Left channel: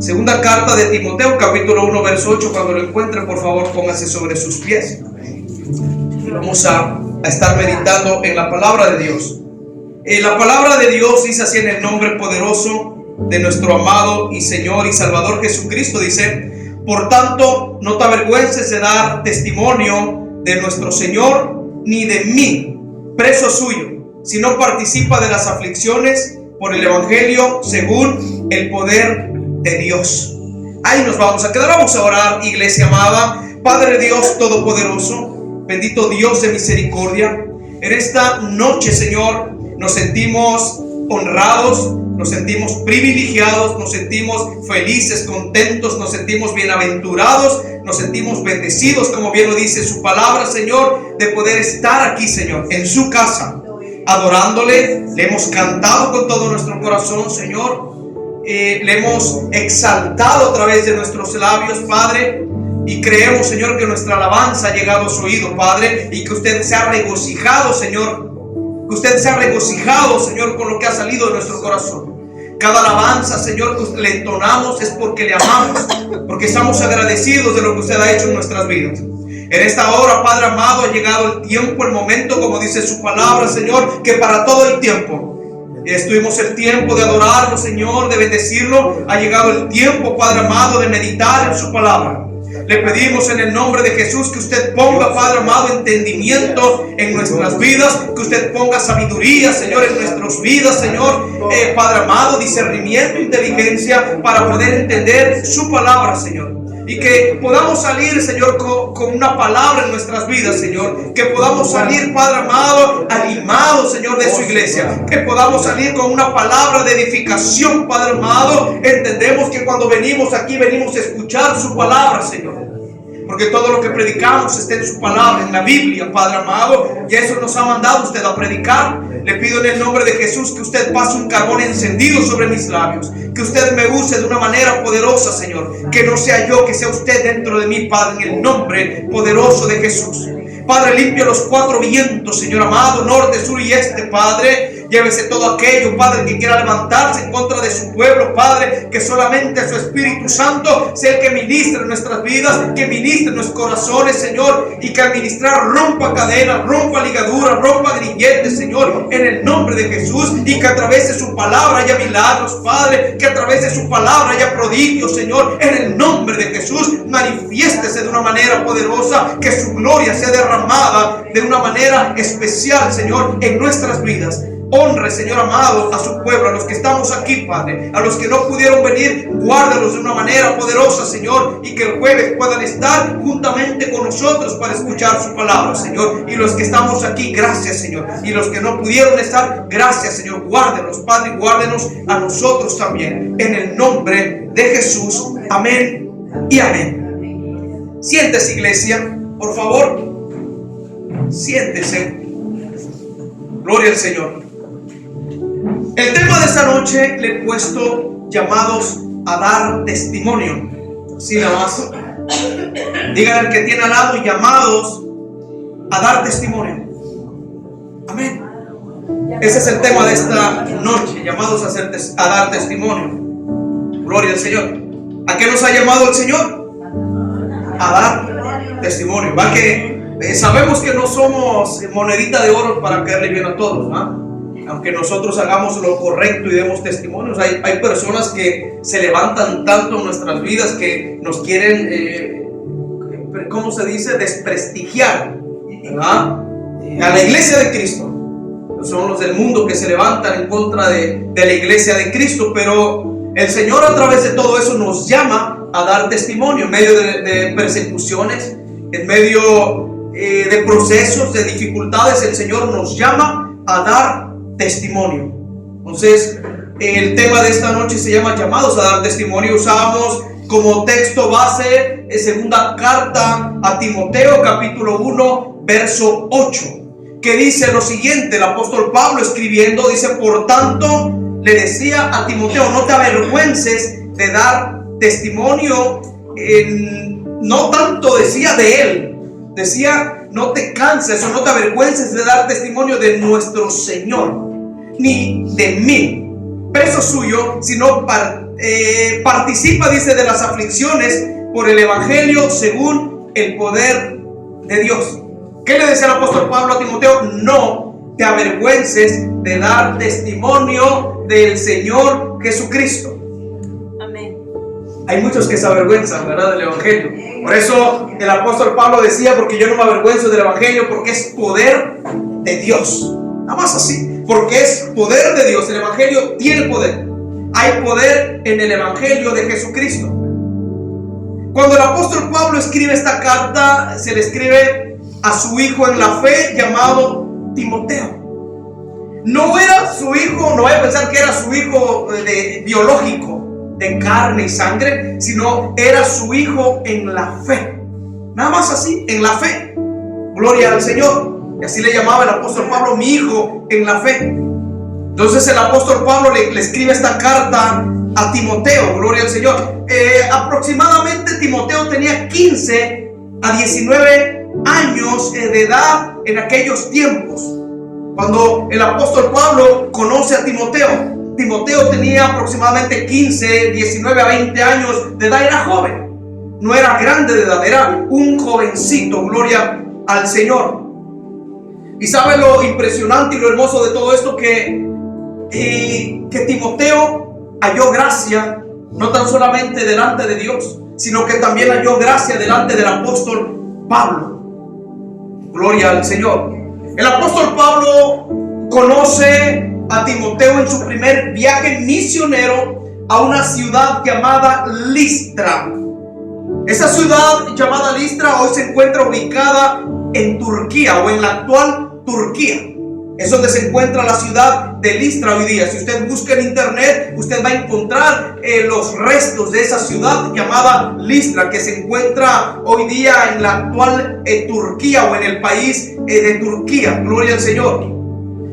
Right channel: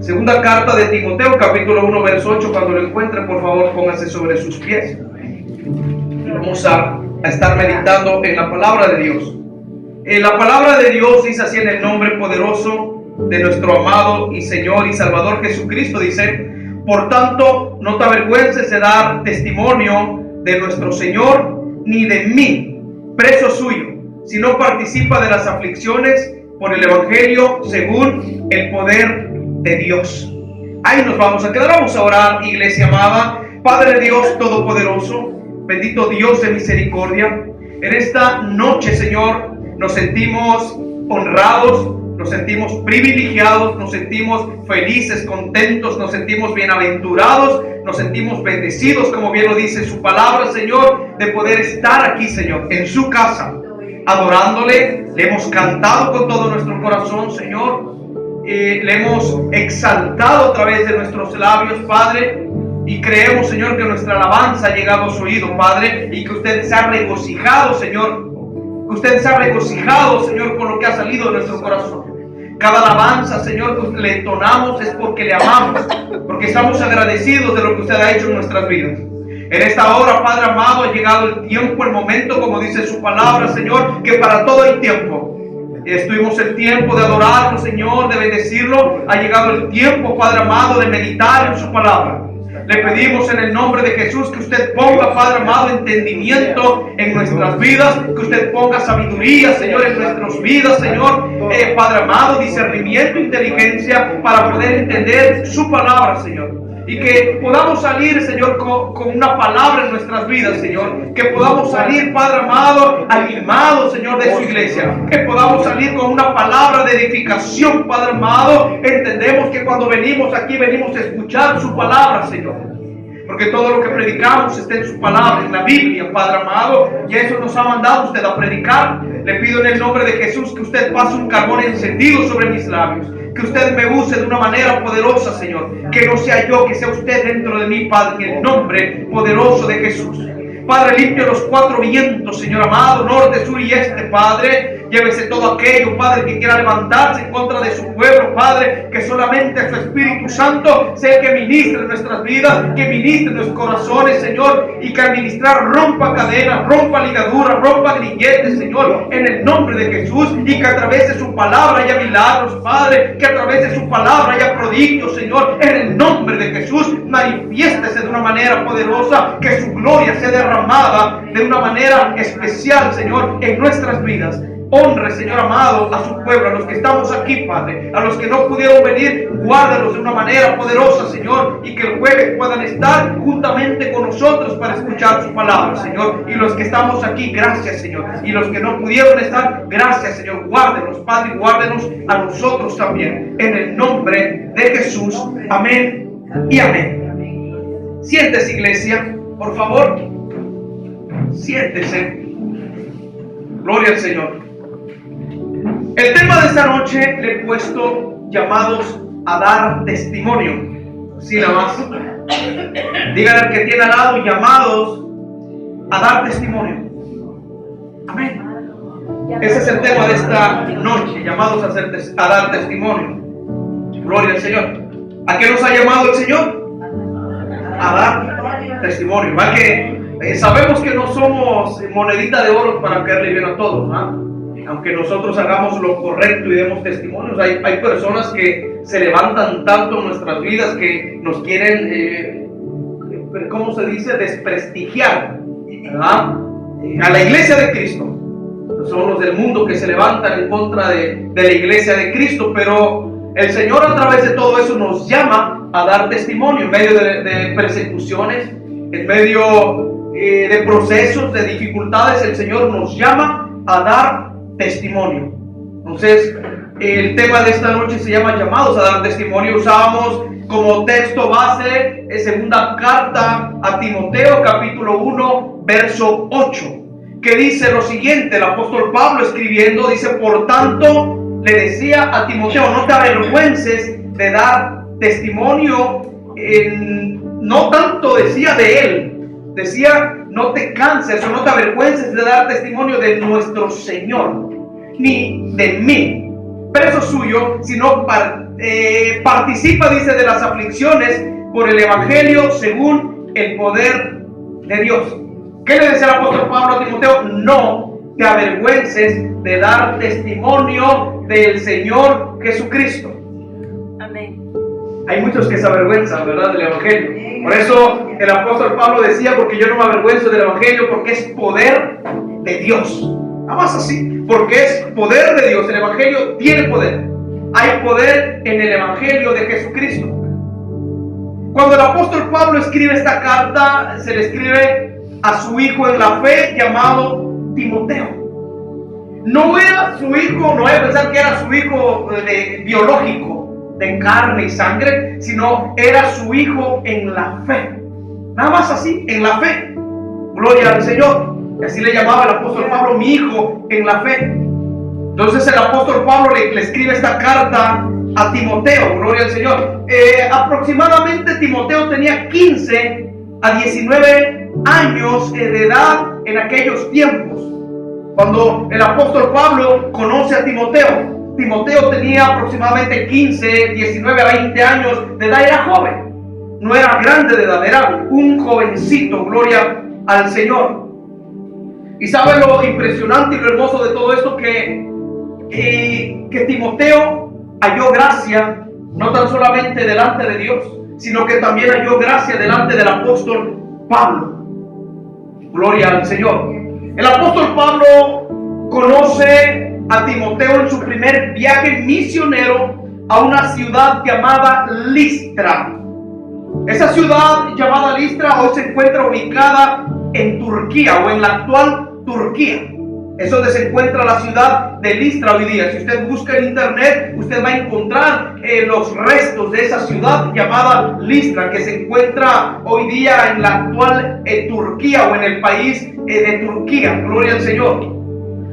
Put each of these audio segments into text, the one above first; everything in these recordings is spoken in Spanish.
Segunda carta de Timoteo, capítulo 1, verso 8. Cuando lo encuentren, por favor, póngase sobre sus pies. Y vamos a estar meditando en la palabra de Dios. La palabra de Dios dice así en el nombre poderoso de nuestro amado y Señor y Salvador Jesucristo. Dice: por tanto, no te avergüences de dar testimonio de nuestro Señor, ni de mí, preso suyo, sino participa de las aflicciones por el Evangelio según el poder de Dios. Ahí nos vamos a quedar. Vamos a orar, iglesia amada. Padre Dios todopoderoso, bendito Dios de misericordia, en esta noche, Señor, nos sentimos honrados, nos sentimos privilegiados, nos sentimos felices, contentos, nos sentimos bienaventurados, nos sentimos bendecidos, como bien lo dice su palabra, Señor, de poder estar aquí, Señor, en su casa, adorándole. Le hemos cantado con todo nuestro corazón, Señor, le hemos exaltado a través de nuestros labios, Padre, y creemos, Señor, que nuestra alabanza ha llegado a su oído, Padre, y que usted se ha regocijado, Señor, que usted se ha regocijado, Señor, con lo que ha salido de nuestro corazón. Cada alabanza, Señor, que le entonamos es porque le amamos, porque estamos agradecidos de lo que usted ha hecho en nuestras vidas. En esta hora, Padre amado, ha llegado el tiempo, el momento, como dice su palabra, Señor, que para todo hay tiempo. Estuvimos el tiempo de adorarlo, Señor, de bendecirlo. Ha llegado el tiempo, Padre amado, de meditar en su palabra. Le pedimos en el nombre de Jesús que usted ponga, Padre amado, entendimiento en nuestras vidas, que usted ponga sabiduría, Señor, en nuestras vidas, Señor, Padre amado, discernimiento, inteligencia para poder entender su palabra, Señor. Y que podamos salir, Señor, con una palabra en nuestras vidas, Señor. Que podamos salir, Padre amado, animados, Señor, de su iglesia. Que podamos salir con una palabra de edificación, Padre amado. Entendemos que cuando venimos aquí, venimos a escuchar su palabra, Señor. Porque todo lo que predicamos está en su palabra, en la Biblia, Padre amado. Y eso nos ha mandado usted a predicar. Le pido en el nombre de Jesús que usted pase un carbón encendido sobre mis labios. Que usted me use de una manera poderosa, Señor. Que no sea yo, que sea usted dentro de mí, Padre, en el nombre poderoso de Jesús. Padre, limpia los cuatro vientos, Señor amado, norte, sur y este, Padre. Llévese todo aquello, Padre, que quiera levantarse en contra de su pueblo, Padre. Que solamente su Espíritu Santo sea el que ministre en nuestras vidas, que ministre en nuestros corazones, Señor. Y que al ministrar rompa cadenas, rompa ligaduras, rompa grilletes, Señor, en el nombre de Jesús. Y que a través de su palabra haya milagros, Padre. Que a través de su palabra haya prodigios, Señor, en el nombre de Jesús. Manifiéstese de una manera poderosa, que su gloria sea derramada de una manera especial, Señor, en nuestras vidas. Honre, Señor amado, a su pueblo, a los que estamos aquí, Padre, a los que no pudieron venir, guárdalos de una manera poderosa, Señor, y que el jueves puedan estar juntamente con nosotros para escuchar su palabra, Señor. Y los que estamos aquí, gracias, Señor. Y los que no pudieron estar, gracias, Señor. Guárdenos, Padre, y guárdenos a nosotros también, en el nombre de Jesús. Amén y amén. Siéntese, iglesia, por favor. Siéntese. Gloria al Señor. El tema de esta noche le he puesto llamados a dar testimonio. Así nada más. Dígale al que tiene al lado, llamados a dar testimonio. Amén. Ese es el tema de esta noche, llamados a dar testimonio. Gloria al Señor. ¿A qué nos ha llamado el Señor? A dar testimonio. Va que sabemos que no somos monedita de oro para caerle bien a todos, ¿no? Aunque nosotros hagamos lo correcto y demos testimonios, hay personas que se levantan tanto en nuestras vidas que nos quieren, ¿cómo se dice? Desprestigiar, ¿verdad? A la iglesia de Cristo. Son los del mundo que se levantan en contra de la iglesia de Cristo, pero el Señor a través de todo eso nos llama a dar testimonio en medio de persecuciones, en medio de procesos, de dificultades. El Señor nos llama a dar testimonio. Entonces, el tema de esta noche se llama llamados a dar testimonio. Usábamos como texto base segunda carta a Timoteo, capítulo 1, verso 8, que dice lo siguiente. El apóstol Pablo escribiendo dice: por tanto, le decía a Timoteo, no te avergüences de dar testimonio. No tanto decía de él, decía no te canses o no te avergüences de dar testimonio de nuestro Señor, ni de mí, preso suyo, sino participa, dice, de las aflicciones por el evangelio según el poder de Dios. ¿Qué le decía el apóstol Pablo a Timoteo? No te avergüences de dar testimonio del Señor Jesucristo. Amén. Hay muchos que se avergüenzan, ¿verdad?, del evangelio. Por eso el apóstol Pablo decía, porque yo no me avergüenzo del evangelio, porque es poder de Dios. Nada más así, porque es poder de Dios. El evangelio tiene poder. Hay poder en el evangelio de Jesucristo. Cuando el apóstol Pablo escribe esta carta, se le escribe a su hijo en la fe llamado Timoteo. No era su hijo, no vaya a pensar que era su hijo biológico, de carne y sangre, sino era su hijo en la fe. Nada más así, en la fe. Gloria al Señor. Y así le llamaba el apóstol Pablo, mi hijo en la fe. Entonces el apóstol Pablo le escribe esta carta a Timoteo. Gloria al Señor. Aproximadamente Timoteo tenía 15 a 19 años de edad en aquellos tiempos. Cuando el apóstol Pablo conoce a Timoteo, Timoteo tenía aproximadamente 15, 19 a 20 años de edad. Era joven, no era grande de edad, era un jovencito. Gloria al Señor. Y sabe lo impresionante y lo hermoso de todo esto, que Timoteo halló gracia no tan solamente delante de Dios, sino que también halló gracia delante del apóstol Pablo. Gloria al Señor. El apóstol Pablo conoce a Timoteo en su primer viaje misionero a una ciudad llamada Listra. Esa ciudad llamada Listra hoy se encuentra ubicada en Turquía, o en la actual Turquía. Es donde se encuentra la ciudad de Listra hoy día. Si usted busca en internet, usted va a encontrar los restos de esa ciudad llamada Listra, que se encuentra hoy día en la actual Turquía, o en el país de Turquía. Gloria al Señor.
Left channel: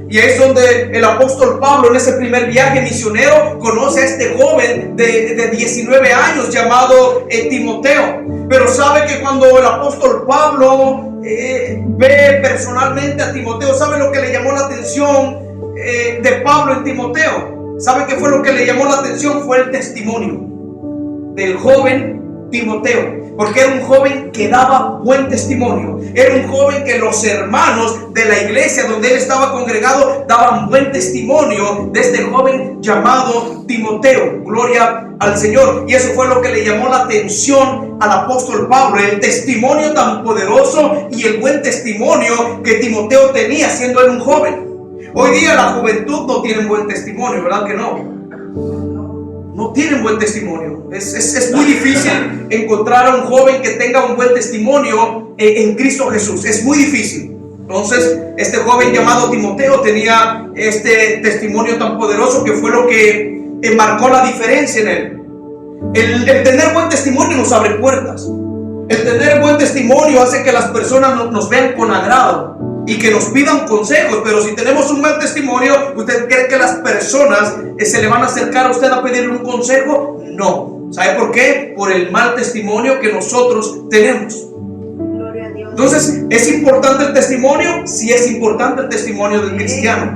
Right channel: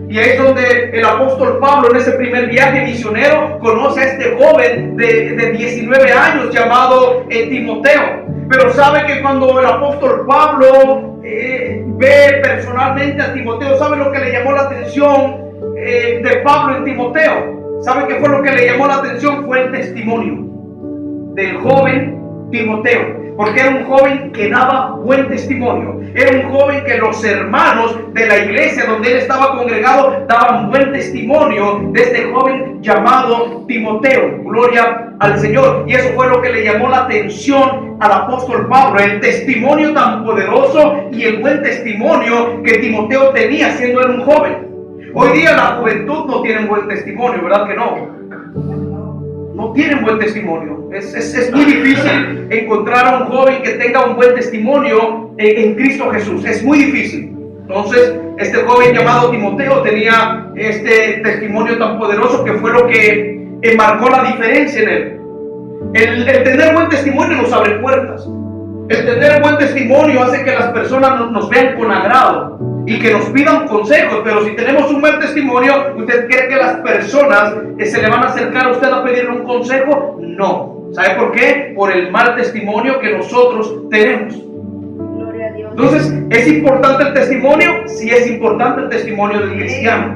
Y es donde el apóstol Pablo, en ese primer viaje misionero, conoce a este joven de 19 años llamado Timoteo. Pero sabe que cuando el apóstol Pablo ve personalmente a Timoteo, ¿sabe lo que le llamó la atención de Pablo en Timoteo? ¿Sabe qué fue lo que le llamó la atención? Fue el testimonio del joven Timoteo. Porque era un joven que daba buen testimonio. Era un joven que los hermanos de la iglesia donde él estaba congregado daban buen testimonio de este joven llamado Timoteo. Gloria al Señor. Y eso fue lo que le llamó la atención al apóstol Pablo, el testimonio tan poderoso y el buen testimonio que Timoteo tenía siendo él un joven. Hoy día la juventud no tiene buen testimonio, ¿verdad que no? No tienen buen testimonio. Es muy difícil encontrar a un joven que tenga un buen testimonio en Cristo Jesús. Es muy difícil. Entonces, este joven llamado Timoteo tenía este testimonio tan poderoso que fue lo que marcó la diferencia en él. El tener buen testimonio nos abre puertas. El tener buen testimonio hace que las personas nos vean con agrado y que nos pidan consejos. Pero si tenemos un mal testimonio, ¿usted cree que las personas se le van a acercar a usted a pedirle un consejo? No. ¿Sabe por qué? Por el mal testimonio que nosotros tenemos. Gloria a Dios. Entonces, ¿es importante el testimonio? Sí, es importante el testimonio del cristiano.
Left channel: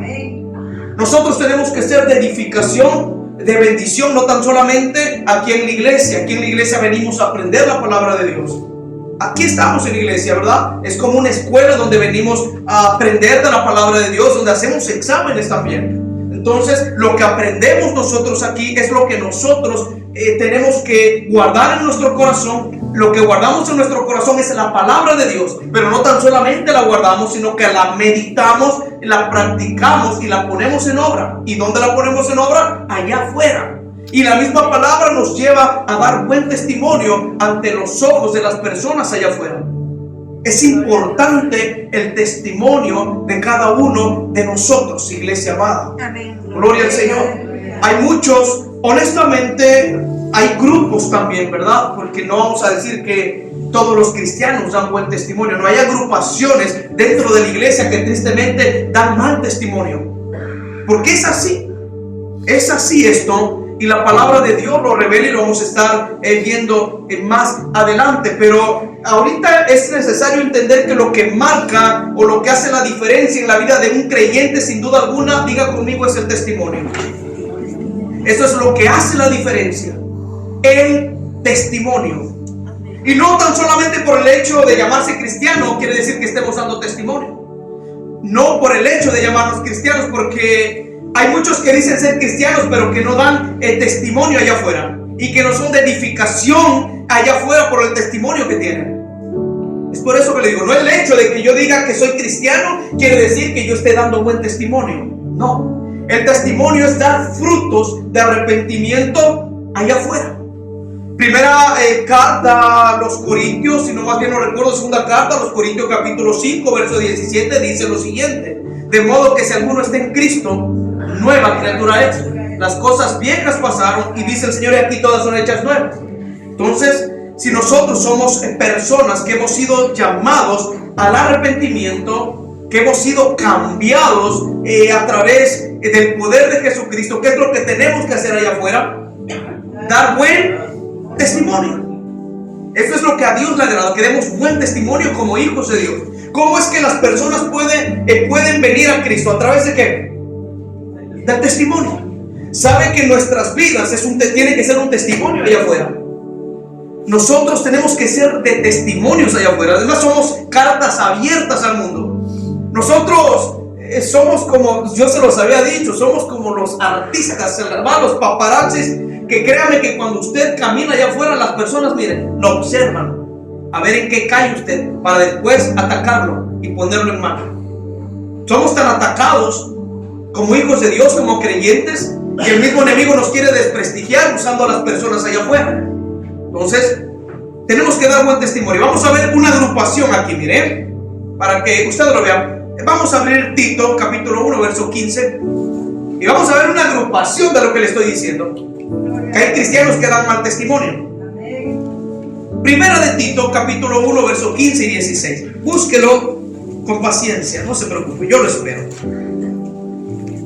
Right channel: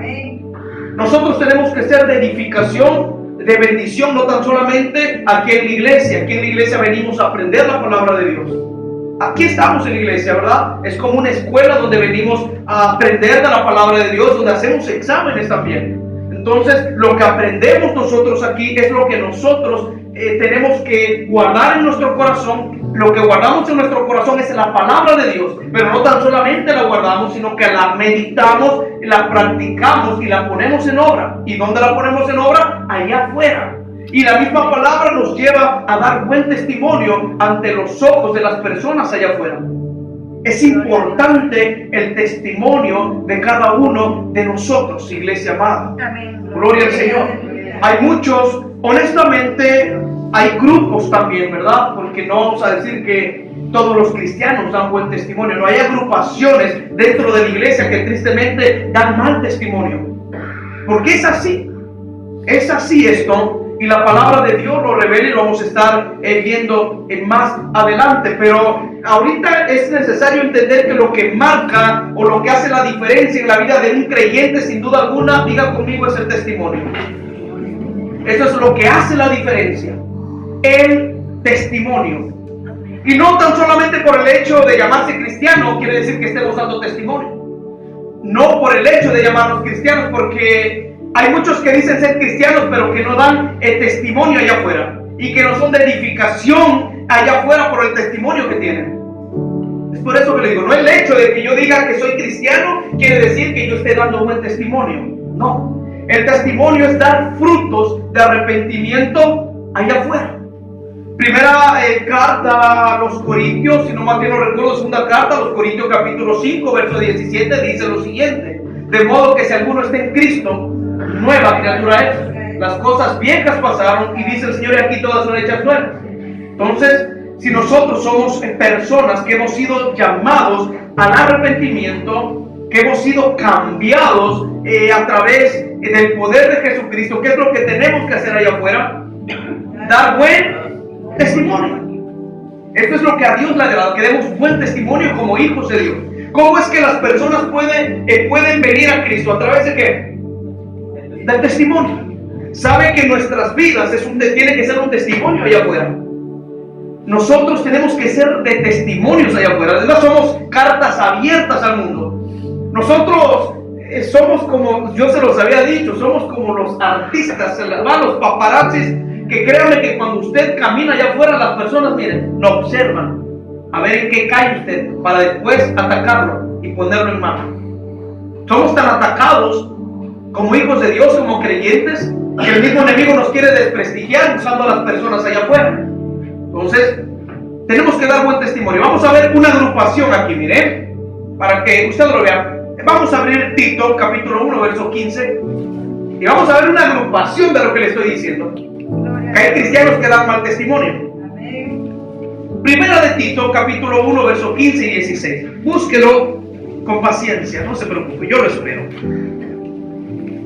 Nosotros tenemos que ser de edificación, de bendición, no tan solamente aquí en la iglesia. Aquí en la iglesia venimos a aprender la palabra de Dios. Aquí estamos en la iglesia, ¿verdad? Es como una escuela donde venimos a aprender de la palabra de Dios, donde hacemos exámenes también. Entonces, lo que aprendemos nosotros aquí es lo que nosotros tenemos que guardar en nuestro corazón. Lo que guardamos en nuestro corazón es la palabra de Dios, pero no tan solamente la guardamos, sino que la meditamos, la practicamos y la ponemos en obra. ¿Y dónde la ponemos en obra? Allá afuera. Y la misma palabra nos lleva a dar buen testimonio ante los ojos de las personas allá afuera. Es importante el testimonio de cada uno de nosotros, iglesia amada. Amén. Gloria al Señor. Hay muchos, honestamente, hay grupos también, ¿verdad? Porque no vamos a decir que todos los cristianos dan buen testimonio. No, hay agrupaciones dentro de la iglesia que tristemente dan mal testimonio. Porque es así. Es así esto. Y la palabra de Dios lo revela y lo vamos a estar viendo más adelante. Pero ahorita es necesario entender que lo que marca o lo que hace la diferencia en la vida de un creyente, sin duda alguna, diga conmigo, es el testimonio. Eso es lo que hace la diferencia. El testimonio. Y no tan solamente por el hecho de llamarse cristiano quiere decir que estemos dando testimonio. No por el hecho de llamarnos cristianos, porque hay muchos que dicen ser cristianos pero que no dan el testimonio allá afuera, y que no son de edificación allá afuera por el testimonio que tienen. Es por eso que le digo, no el hecho de que yo diga que soy cristiano quiere decir que yo esté dando buen testimonio. No, el testimonio es dar frutos de arrepentimiento allá afuera. Primera carta a los Corintios, si no más bien no recuerdo, segunda carta a los Corintios capítulo 5 verso 17 dice lo siguiente: de modo que si alguno está en Cristo, nueva criatura es. Las cosas viejas pasaron y dice el Señor, y aquí todas son hechas nuevas. Entonces, si nosotros somos personas que hemos sido llamados al arrepentimiento, que hemos sido cambiados a través del poder de Jesucristo, ¿qué es lo que tenemos que hacer allá afuera? Dar buen testimonio. Eso es lo que a Dios le agrada, que demos buen testimonio como hijos de Dios. ¿Cómo es que las personas pueden venir a Cristo? ¿A través de qué? Del testimonio. Sabe que nuestras vidas tiene que ser un testimonio allá afuera. Nosotros tenemos que ser de testimonios allá afuera. Además somos cartas abiertas al mundo. Nosotros somos como, yo se los había dicho, somos como los artistas, los paparazzis, que créanme que cuando usted camina allá afuera, las personas, miren, lo observan, a ver en qué cae usted, para después atacarlo y ponerlo en mano. Somos tan atacados como hijos de Dios, como creyentes, que el mismo enemigo nos quiere desprestigiar usando a las personas allá afuera. Entonces, tenemos que dar buen testimonio. Vamos a ver una agrupación aquí, miren, para que usted lo vea. Vamos a abrir Tito, capítulo 1, verso 15, y vamos a ver una agrupación de lo que le estoy diciendo. Que hay cristianos que dan mal testimonio. Primera de Tito, capítulo 1, verso 15 y 16. Búsquelo con paciencia, no se preocupe, yo lo espero.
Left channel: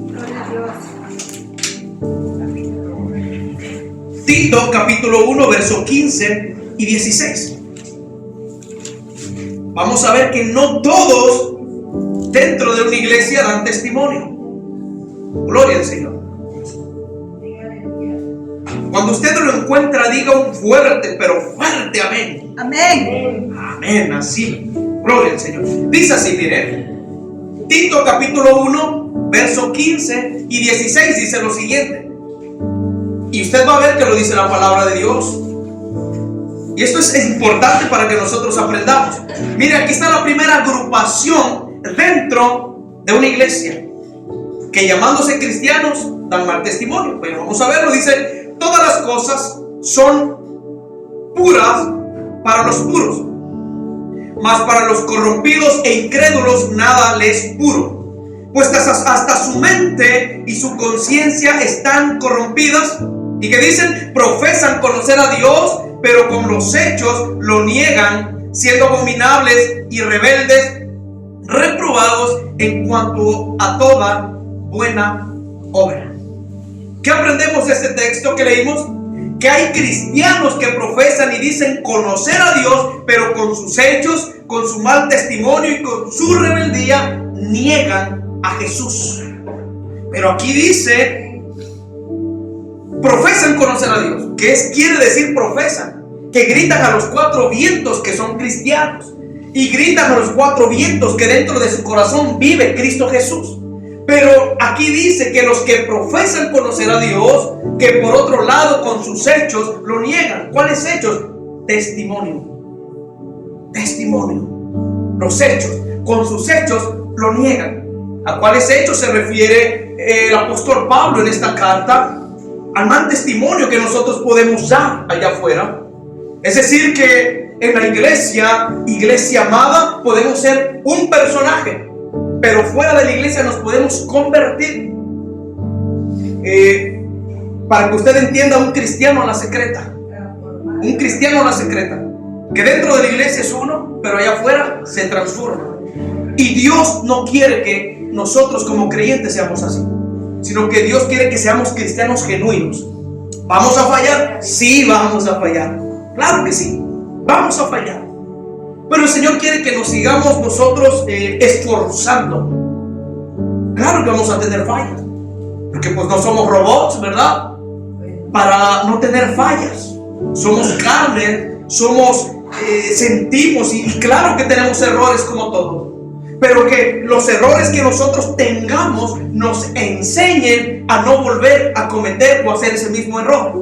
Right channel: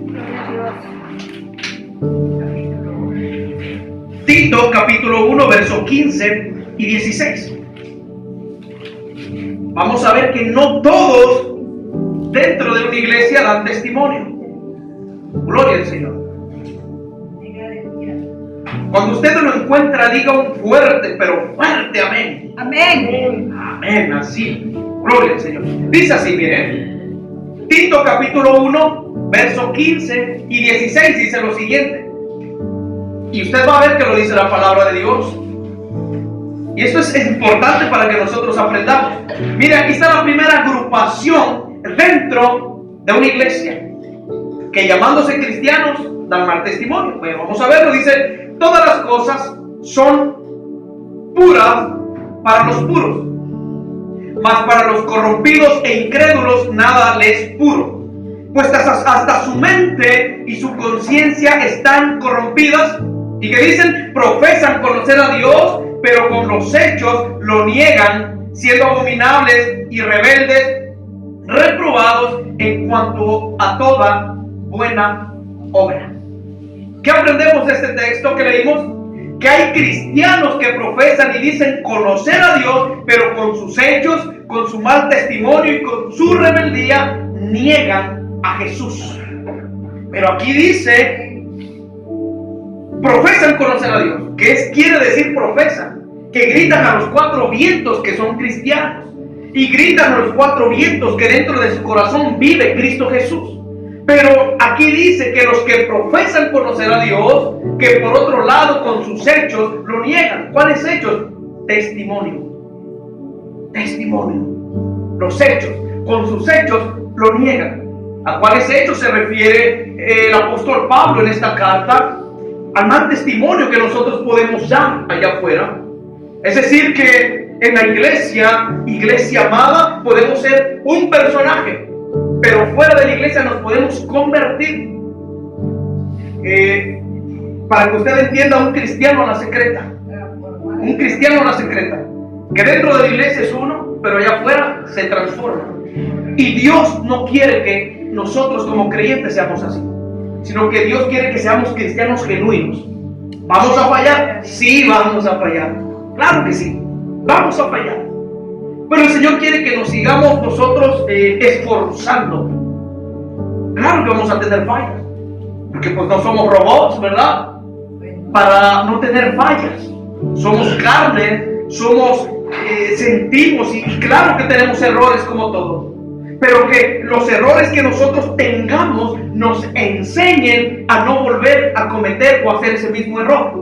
Gloria a Dios. Tito, capítulo 1, verso 15 y 16. Vamos a ver que no todos dentro de una iglesia dan testimonio. Gloria al Señor. Cuando usted lo encuentra, diga un fuerte, pero fuerte amén. Amén. Amén, así. Gloria al Señor. Dice así, miren. Tito capítulo 1, verso 15 y 16 dice lo siguiente. Y usted va a ver que lo dice la palabra de Dios. Y esto es importante para que nosotros aprendamos. Mire, aquí está la primera agrupación dentro de una iglesia, que llamándose cristianos dan mal testimonio. Bueno, vamos a verlo. Dice: todas las cosas son puras para los puros, mas para los corrompidos e incrédulos nada les es puro, pues hasta su mente y su conciencia están corrompidas. Y que dicen, profesan conocer a Dios, pero con los hechos lo niegan, siendo abominables y rebeldes, reprobados en cuanto a toda buena obra. ¿Qué aprendemos de este texto que leímos? Que hay cristianos que profesan y dicen conocer a Dios, pero con sus hechos, con su mal testimonio y con su rebeldía niegan a Jesús. Pero aquí dice, profesan conocer a Dios. ¿Qué quiere decir profesan? Que gritan a los cuatro vientos que son cristianos, y gritan a los cuatro vientos que dentro de su corazón vive Cristo Jesús. Pero aquí dice que los que profesan conocer a Dios, que por otro lado con sus hechos lo niegan. ¿Cuáles hechos? Testimonio. Testimonio. Los hechos. Con sus hechos lo niegan. ¿A cuáles hechos se refiere el apóstol Pablo en esta carta? Al mal testimonio que nosotros podemos dar allá afuera. Es decir, que en la iglesia amada, podemos ser un personaje, pero fuera de la iglesia nos podemos convertir. Para que usted entienda, un cristiano a la secreta. Un cristiano a la secreta. Que dentro de la iglesia es uno, pero allá afuera se transforma. Y Dios no quiere que nosotros como creyentes seamos así, sino que Dios quiere que seamos cristianos genuinos. ¿Vamos a fallar? Sí, vamos a fallar. Claro que sí, vamos a fallar. Pero el Señor quiere que nos sigamos nosotros esforzando. Claro que vamos a tener fallas, porque pues no somos robots, ¿verdad? para no tener fallas. Somos carne, sentimos y claro que tenemos errores como todos. Pero que los errores que nosotros tengamos nos enseñen a no volver a cometer o hacer ese mismo error.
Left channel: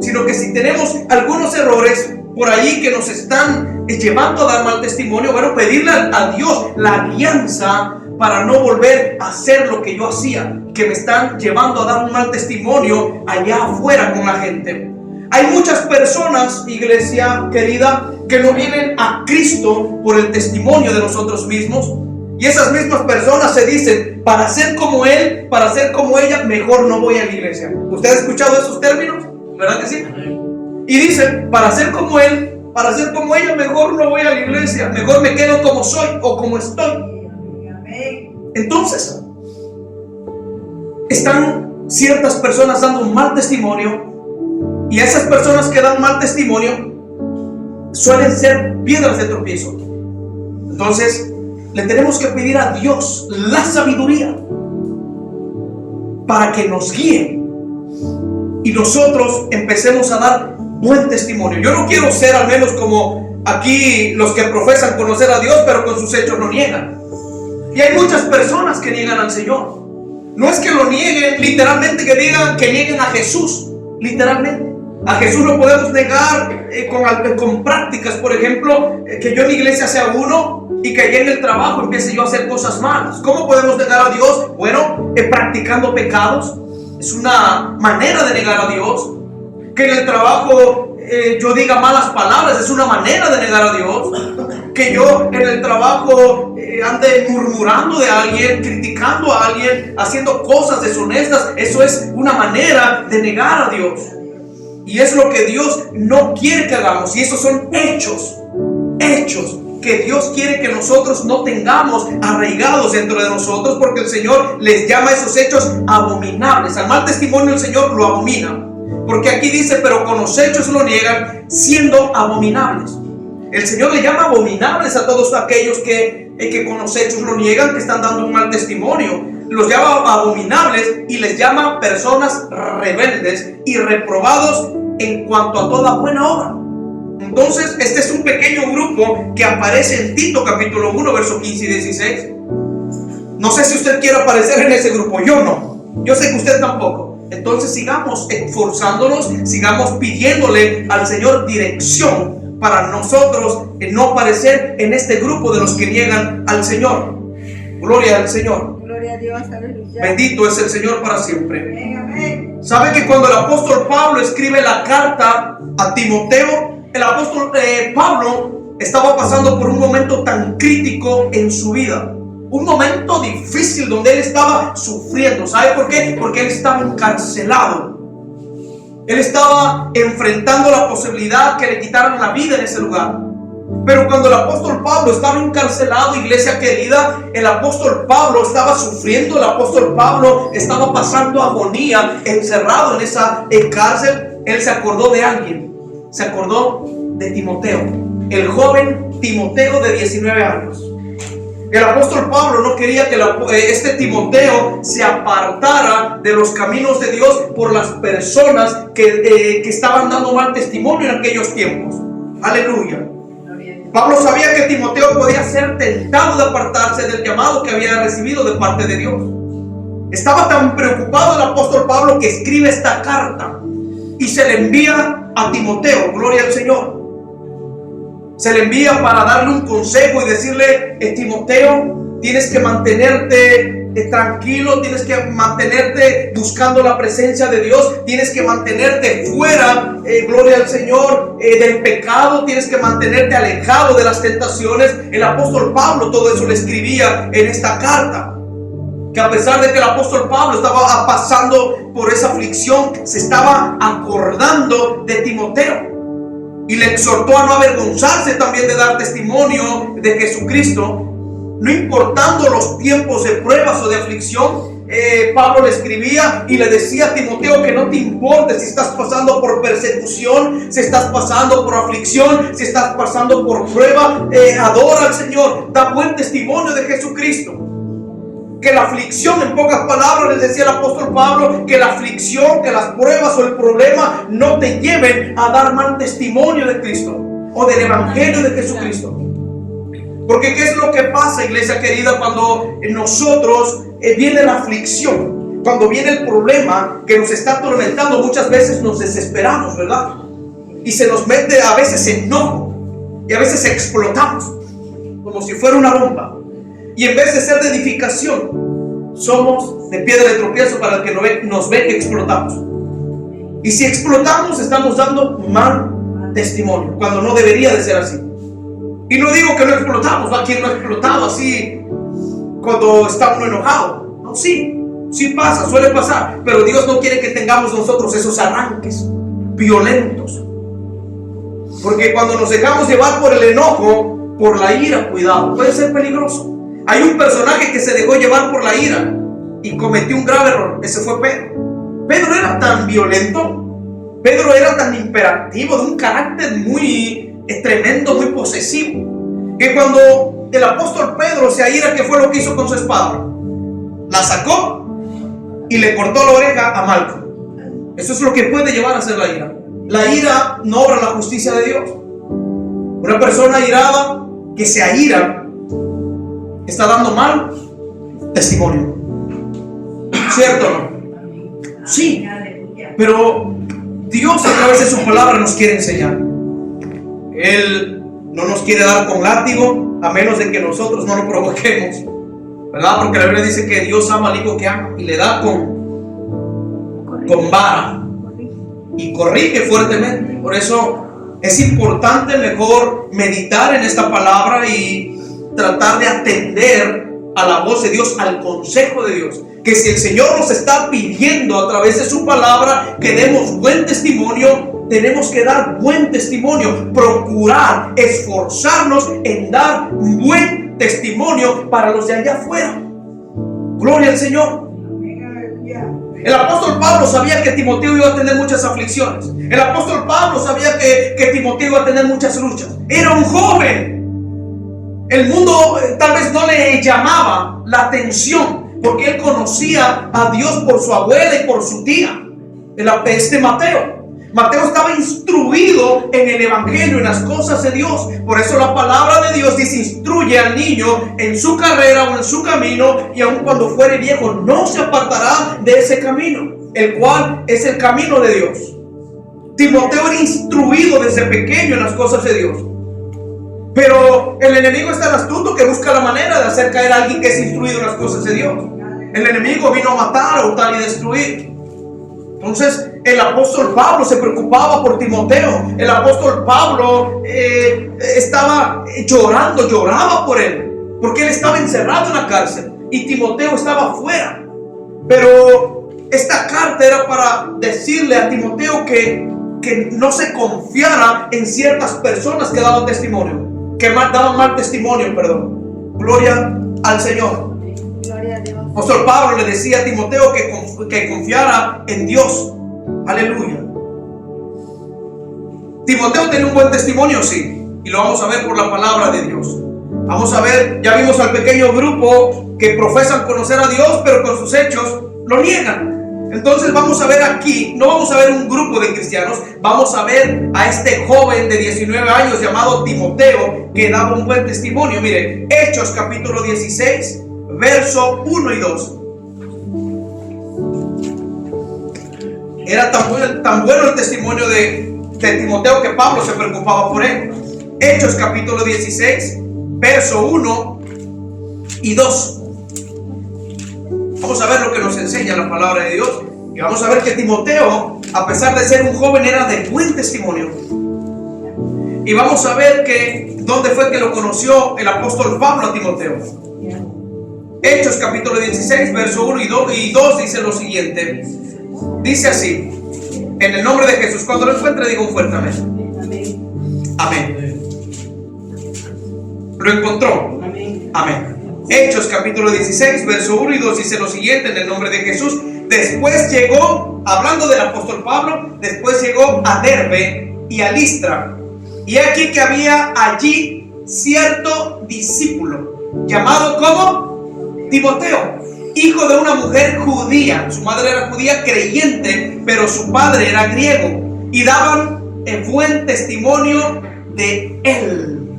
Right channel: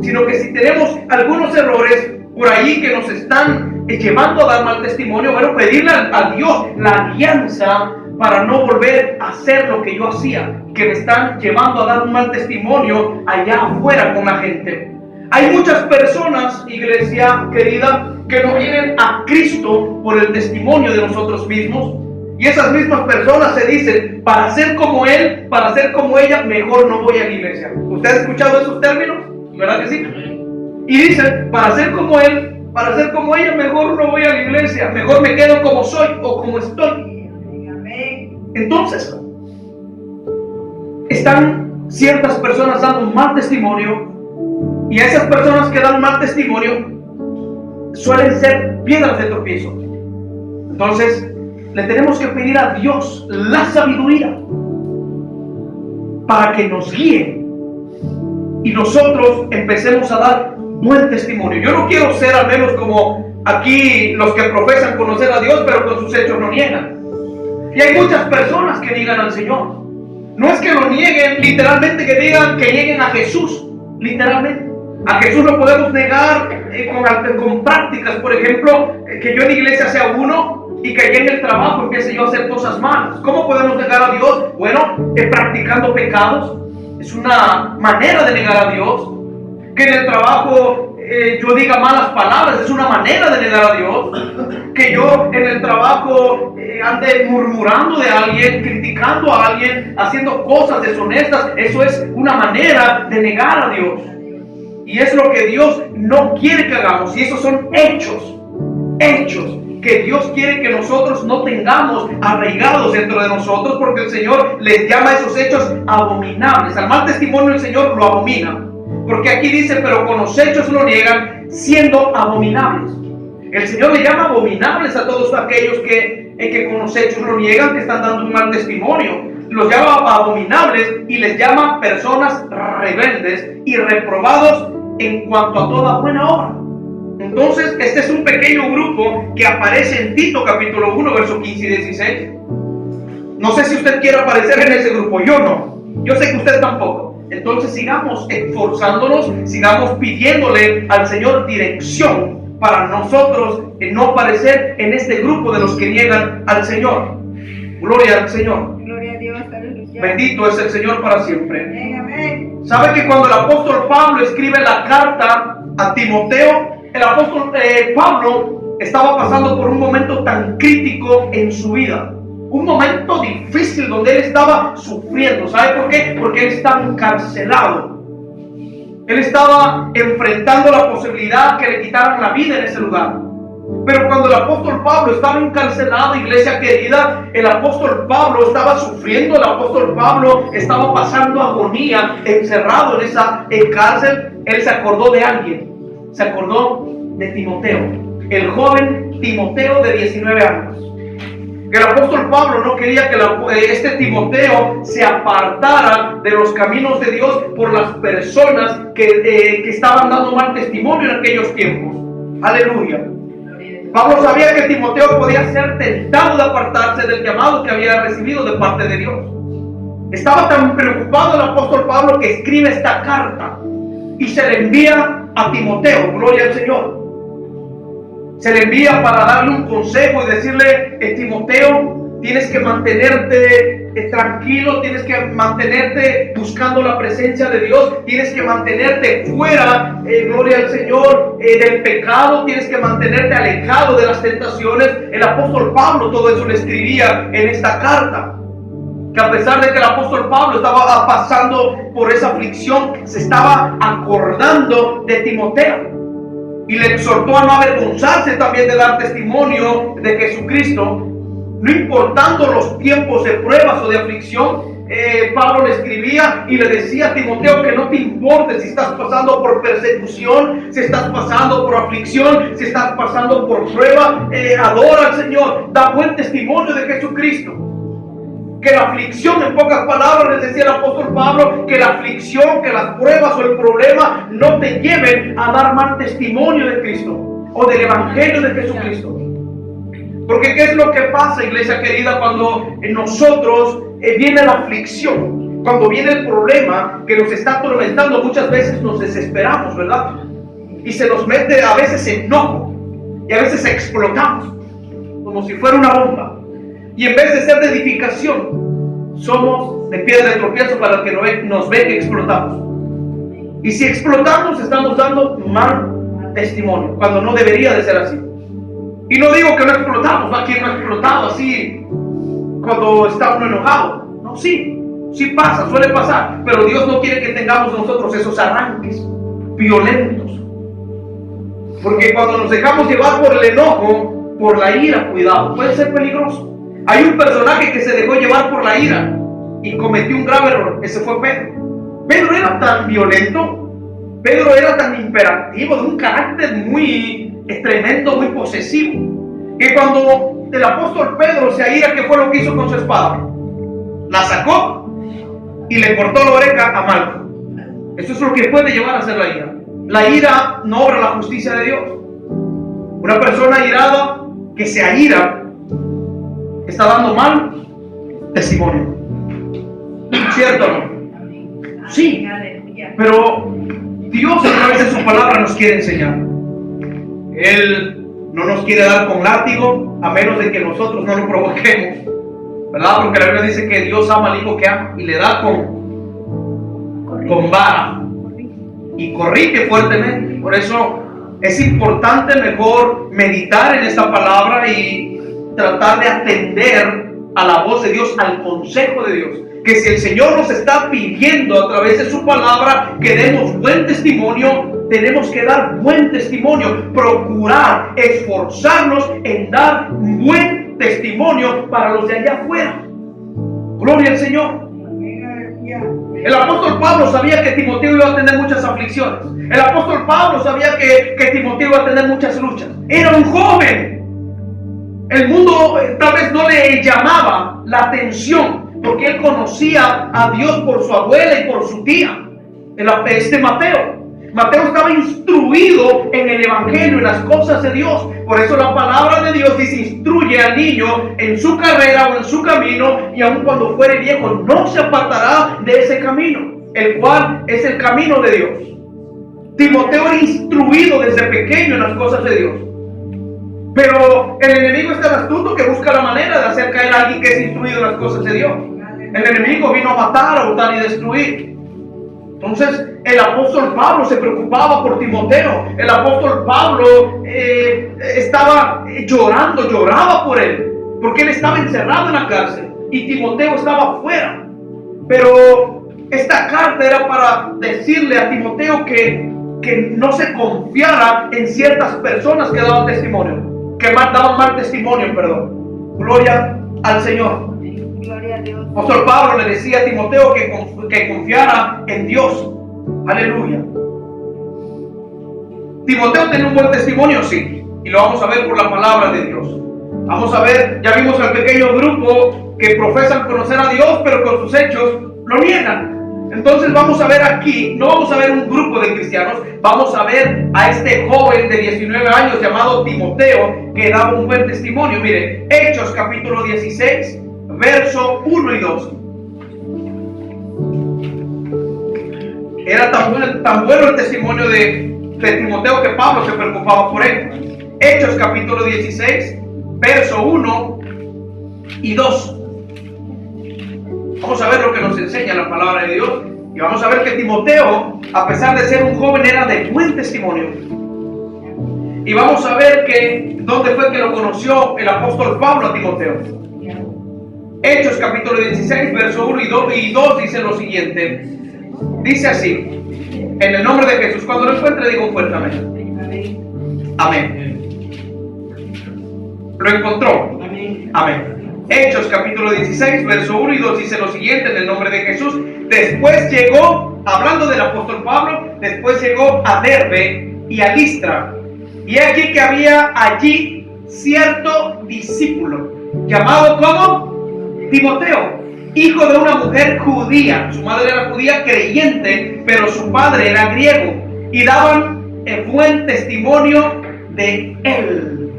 Sino que si tenemos algunos errores por ahí que nos están llevando a dar mal testimonio, bueno, pedirle a Dios la alianza para no volver a hacer lo que yo hacía, que me están llevando a dar un mal testimonio allá afuera con la gente. Hay muchas personas, iglesia querida, que no vienen a Cristo por el testimonio de nosotros mismos. Y esas mismas personas se dicen, para ser como él, para ser como ella, mejor no voy a la iglesia. ¿Usted ha escuchado esos términos? ¿Verdad que sí? Y dicen, para ser como él, para ser como ella, mejor no voy a la iglesia. Mejor me quedo como soy o como estoy. Entonces, están ciertas personas dando un mal testimonio. Y esas personas que dan mal testimonio suelen ser piedras de tropiezo. Entonces, le tenemos que pedir a Dios la sabiduría para que nos guíe y nosotros empecemos a dar buen testimonio. Yo no quiero ser al menos como aquí los que profesan conocer a Dios, pero con sus hechos lo niegan. Y hay muchas personas que niegan al Señor. No es que lo nieguen literalmente, que digan que nieguen a Jesús literalmente. A Jesús lo podemos negar con prácticas. Por ejemplo, que yo en la iglesia sea uno y que allá en el trabajo empiece yo a hacer cosas malas. ¿Cómo podemos negar a Dios? Bueno, practicando pecados. Es una manera de negar a Dios. Que en el trabajo yo diga malas palabras, es una manera de negar a Dios. Que yo en el trabajo ande murmurando de alguien, criticando a alguien, haciendo cosas deshonestas, eso es una manera de negar a Dios. Y es lo que Dios no quiere que hagamos. Y esos son hechos que Dios quiere que nosotros no tengamos arraigados dentro de nosotros, porque el Señor les llama a esos hechos abominables. Al mal testimonio el Señor lo abomina, porque aquí dice, pero con los hechos lo niegan, siendo abominables. El Señor le llama abominables a todos aquellos que con los hechos lo niegan, que están dando un mal testimonio. Los llama abominables y les llama personas rebeldes y reprobados en cuanto a toda buena obra. Entonces, este es un pequeño grupo que aparece en Tito capítulo 1, versos 15 y 16. No sé si usted quiere aparecer en ese grupo, yo no. Yo sé que usted tampoco. Entonces, sigamos esforzándonos, sigamos pidiéndole al Señor dirección para nosotros no aparecer en este grupo de los que niegan al Señor. Gloria al Señor. Gloria a Dios, aleluya. Bendito es el Señor para siempre. Amén, amén. ¿Sabe que cuando el apóstol Pablo escribe la carta a Timoteo, el apóstol Pablo estaba pasando por un momento tan crítico en su vida? Un momento difícil donde él estaba sufriendo. ¿Sabe por qué? Porque él estaba encarcelado. Él estaba enfrentando la posibilidad que le quitaran la vida en ese lugar. Pero cuando el apóstol Pablo estaba encarcelado, iglesia querida, el apóstol Pablo estaba sufriendo, el apóstol Pablo estaba pasando agonía, encerrado en esa cárcel. Él se acordó de alguien, se acordó de Timoteo, el joven Timoteo de 19 años. El apóstol Pablo no quería que este Timoteo se apartara de los caminos de Dios por las personas que estaban dando mal testimonio en aquellos tiempos. Aleluya. Pablo sabía que Timoteo podía ser tentado de apartarse del llamado que había recibido de parte de Dios. Estaba tan preocupado el apóstol Pablo que escribe esta carta y se le envía a Timoteo. Gloria al Señor. Se le envía para darle un consejo y decirle: Timoteo, tienes que mantenerte tranquilo, tienes que mantenerte buscando la presencia de Dios, tienes que mantenerte fuera, gloria al Señor, del pecado, tienes que mantenerte alejado de las tentaciones. El apóstol Pablo todo eso le escribía en esta carta, que a pesar de que el apóstol Pablo estaba pasando por esa aflicción, se estaba acordando de Timoteo y le exhortó a no avergonzarse también de dar testimonio de Jesucristo. No importando los tiempos de pruebas o de aflicción, Pablo le escribía y le decía a Timoteo que no te importe si estás pasando por persecución, si estás pasando por aflicción, si estás pasando por prueba, adora al Señor, da buen testimonio de Jesucristo. que la aflicción, en pocas palabras les decía el apóstol Pablo, que la aflicción, que las pruebas o el problema no te lleven a dar mal testimonio de Cristo o del evangelio de Jesucristo. Porque ¿qué es lo que pasa, iglesia querida, cuando en nosotros viene la aflicción? Cuando viene el problema que nos está atormentando, muchas veces nos desesperamos, ¿verdad? Y se nos mete a veces enojo y a veces explotamos como si fuera una bomba. Y en vez de ser de edificación, somos de piedra de tropiezo para el que nos ve que explotamos. Y si explotamos, estamos dando mal testimonio, cuando no debería de ser así. Y no digo que no explotamos, ¿no? ¿Quién no ha explotado así cuando está uno enojado? No, sí pasa, suele pasar. Pero Dios no quiere que tengamos nosotros esos arranques violentos. Porque cuando nos dejamos llevar por el enojo, por la ira, cuidado, puede ser peligroso. Hay un personaje que se dejó llevar por la ira y cometió un grave error. Ese fue Pedro. Pedro era tan violento, Pedro era tan imperativo, de un carácter muy tremendo, muy posesivo, que cuando el apóstol Pedro se aira, ¿qué fue lo que hizo con su espada? La sacó y le cortó la oreja a Malco. Eso es lo que puede llevar a hacer la ira. La ira no obra la justicia de Dios. Una persona irada que se aira está dando mal testimonio. ¿Cierto o no? Sí. Pero Dios a través de su palabra nos quiere enseñar. Él no nos quiere dar con látigo, a menos de que nosotros no lo provoquemos, ¿verdad? Porque la Biblia dice que Dios ama al hijo que ama y le da con vara y corrige fuertemente. Por eso es importante mejor meditar en esta palabra y tratar de atender a la voz de Dios, al consejo de Dios. Que si el Señor nos está pidiendo a través de su palabra que demos buen testimonio, tenemos que dar buen testimonio, procurar, esforzarnos en dar buen testimonio para los de allá afuera. Gloria al Señor. El apóstol Pablo sabía que Timoteo iba a tener muchas aflicciones. El apóstol Pablo sabía que Timoteo iba a tener muchas luchas. Era un joven. El mundo tal vez no le llamaba la atención, porque él conocía a Dios por su abuela y por su tía. Mateo. Mateo estaba instruido en el evangelio, en las cosas de Dios. Por eso la palabra de Dios dice: instruye al niño en su carrera o en su camino, y aun cuando fuere viejo no se apartará de ese camino, el cual es el camino de Dios. Timoteo era instruido desde pequeño en las cosas de Dios. Pero el enemigo es tan astuto que busca la manera de hacer caer a alguien que es instruido en las cosas de Dios. El enemigo vino a matar, a hurtar y destruir. Entonces el apóstol Pablo se preocupaba por Timoteo. El apóstol Pablo estaba lloraba por él, porque él estaba encerrado en la cárcel y Timoteo estaba afuera. Pero esta carta era para decirle a Timoteo que no se confiara en ciertas personas que daban testimonio, daban mal testimonio, perdón. Gloria al Señor. Gloria a Dios. Apóstol Pablo le decía a Timoteo que confiara en Dios. Aleluya. Timoteo tenía un buen testimonio, sí, y lo vamos a ver por la palabra de Dios. Vamos a ver, ya vimos al pequeño grupo que profesan conocer a Dios, pero con sus hechos lo niegan. Entonces vamos a ver aquí, no vamos a ver un grupo de cristianos, vamos a ver a este joven de 19 años llamado Timoteo, que daba un buen testimonio. Mire, Hechos capítulo 16, verso 1 y 2. Era tan bueno el testimonio de Timoteo que Pablo se preocupaba por él. Hechos capítulo 16, verso 1 y 2. Vamos a ver lo que nos enseña la palabra de Dios. Y vamos a ver que Timoteo, a pesar de ser un joven, era de buen testimonio. Y vamos a ver que dónde fue que lo conoció el apóstol Pablo a Timoteo. Hechos capítulo 16, verso 1 y 2 dice lo siguiente. Dice así: en el nombre de Jesús. Cuando lo encuentre, digo un fuerte amén. Amén. ¿Lo encontró? Amén. Hechos capítulo 16, verso 1 y 2 dice lo siguiente: en el nombre de Jesús. Después llegó, hablando del apóstol Pablo, después llegó a Derbe y a Listra. Y aquí que había allí cierto discípulo, llamado como Timoteo, hijo de una mujer judía. Su madre era judía creyente, pero su padre era griego. Y daban buen testimonio de él.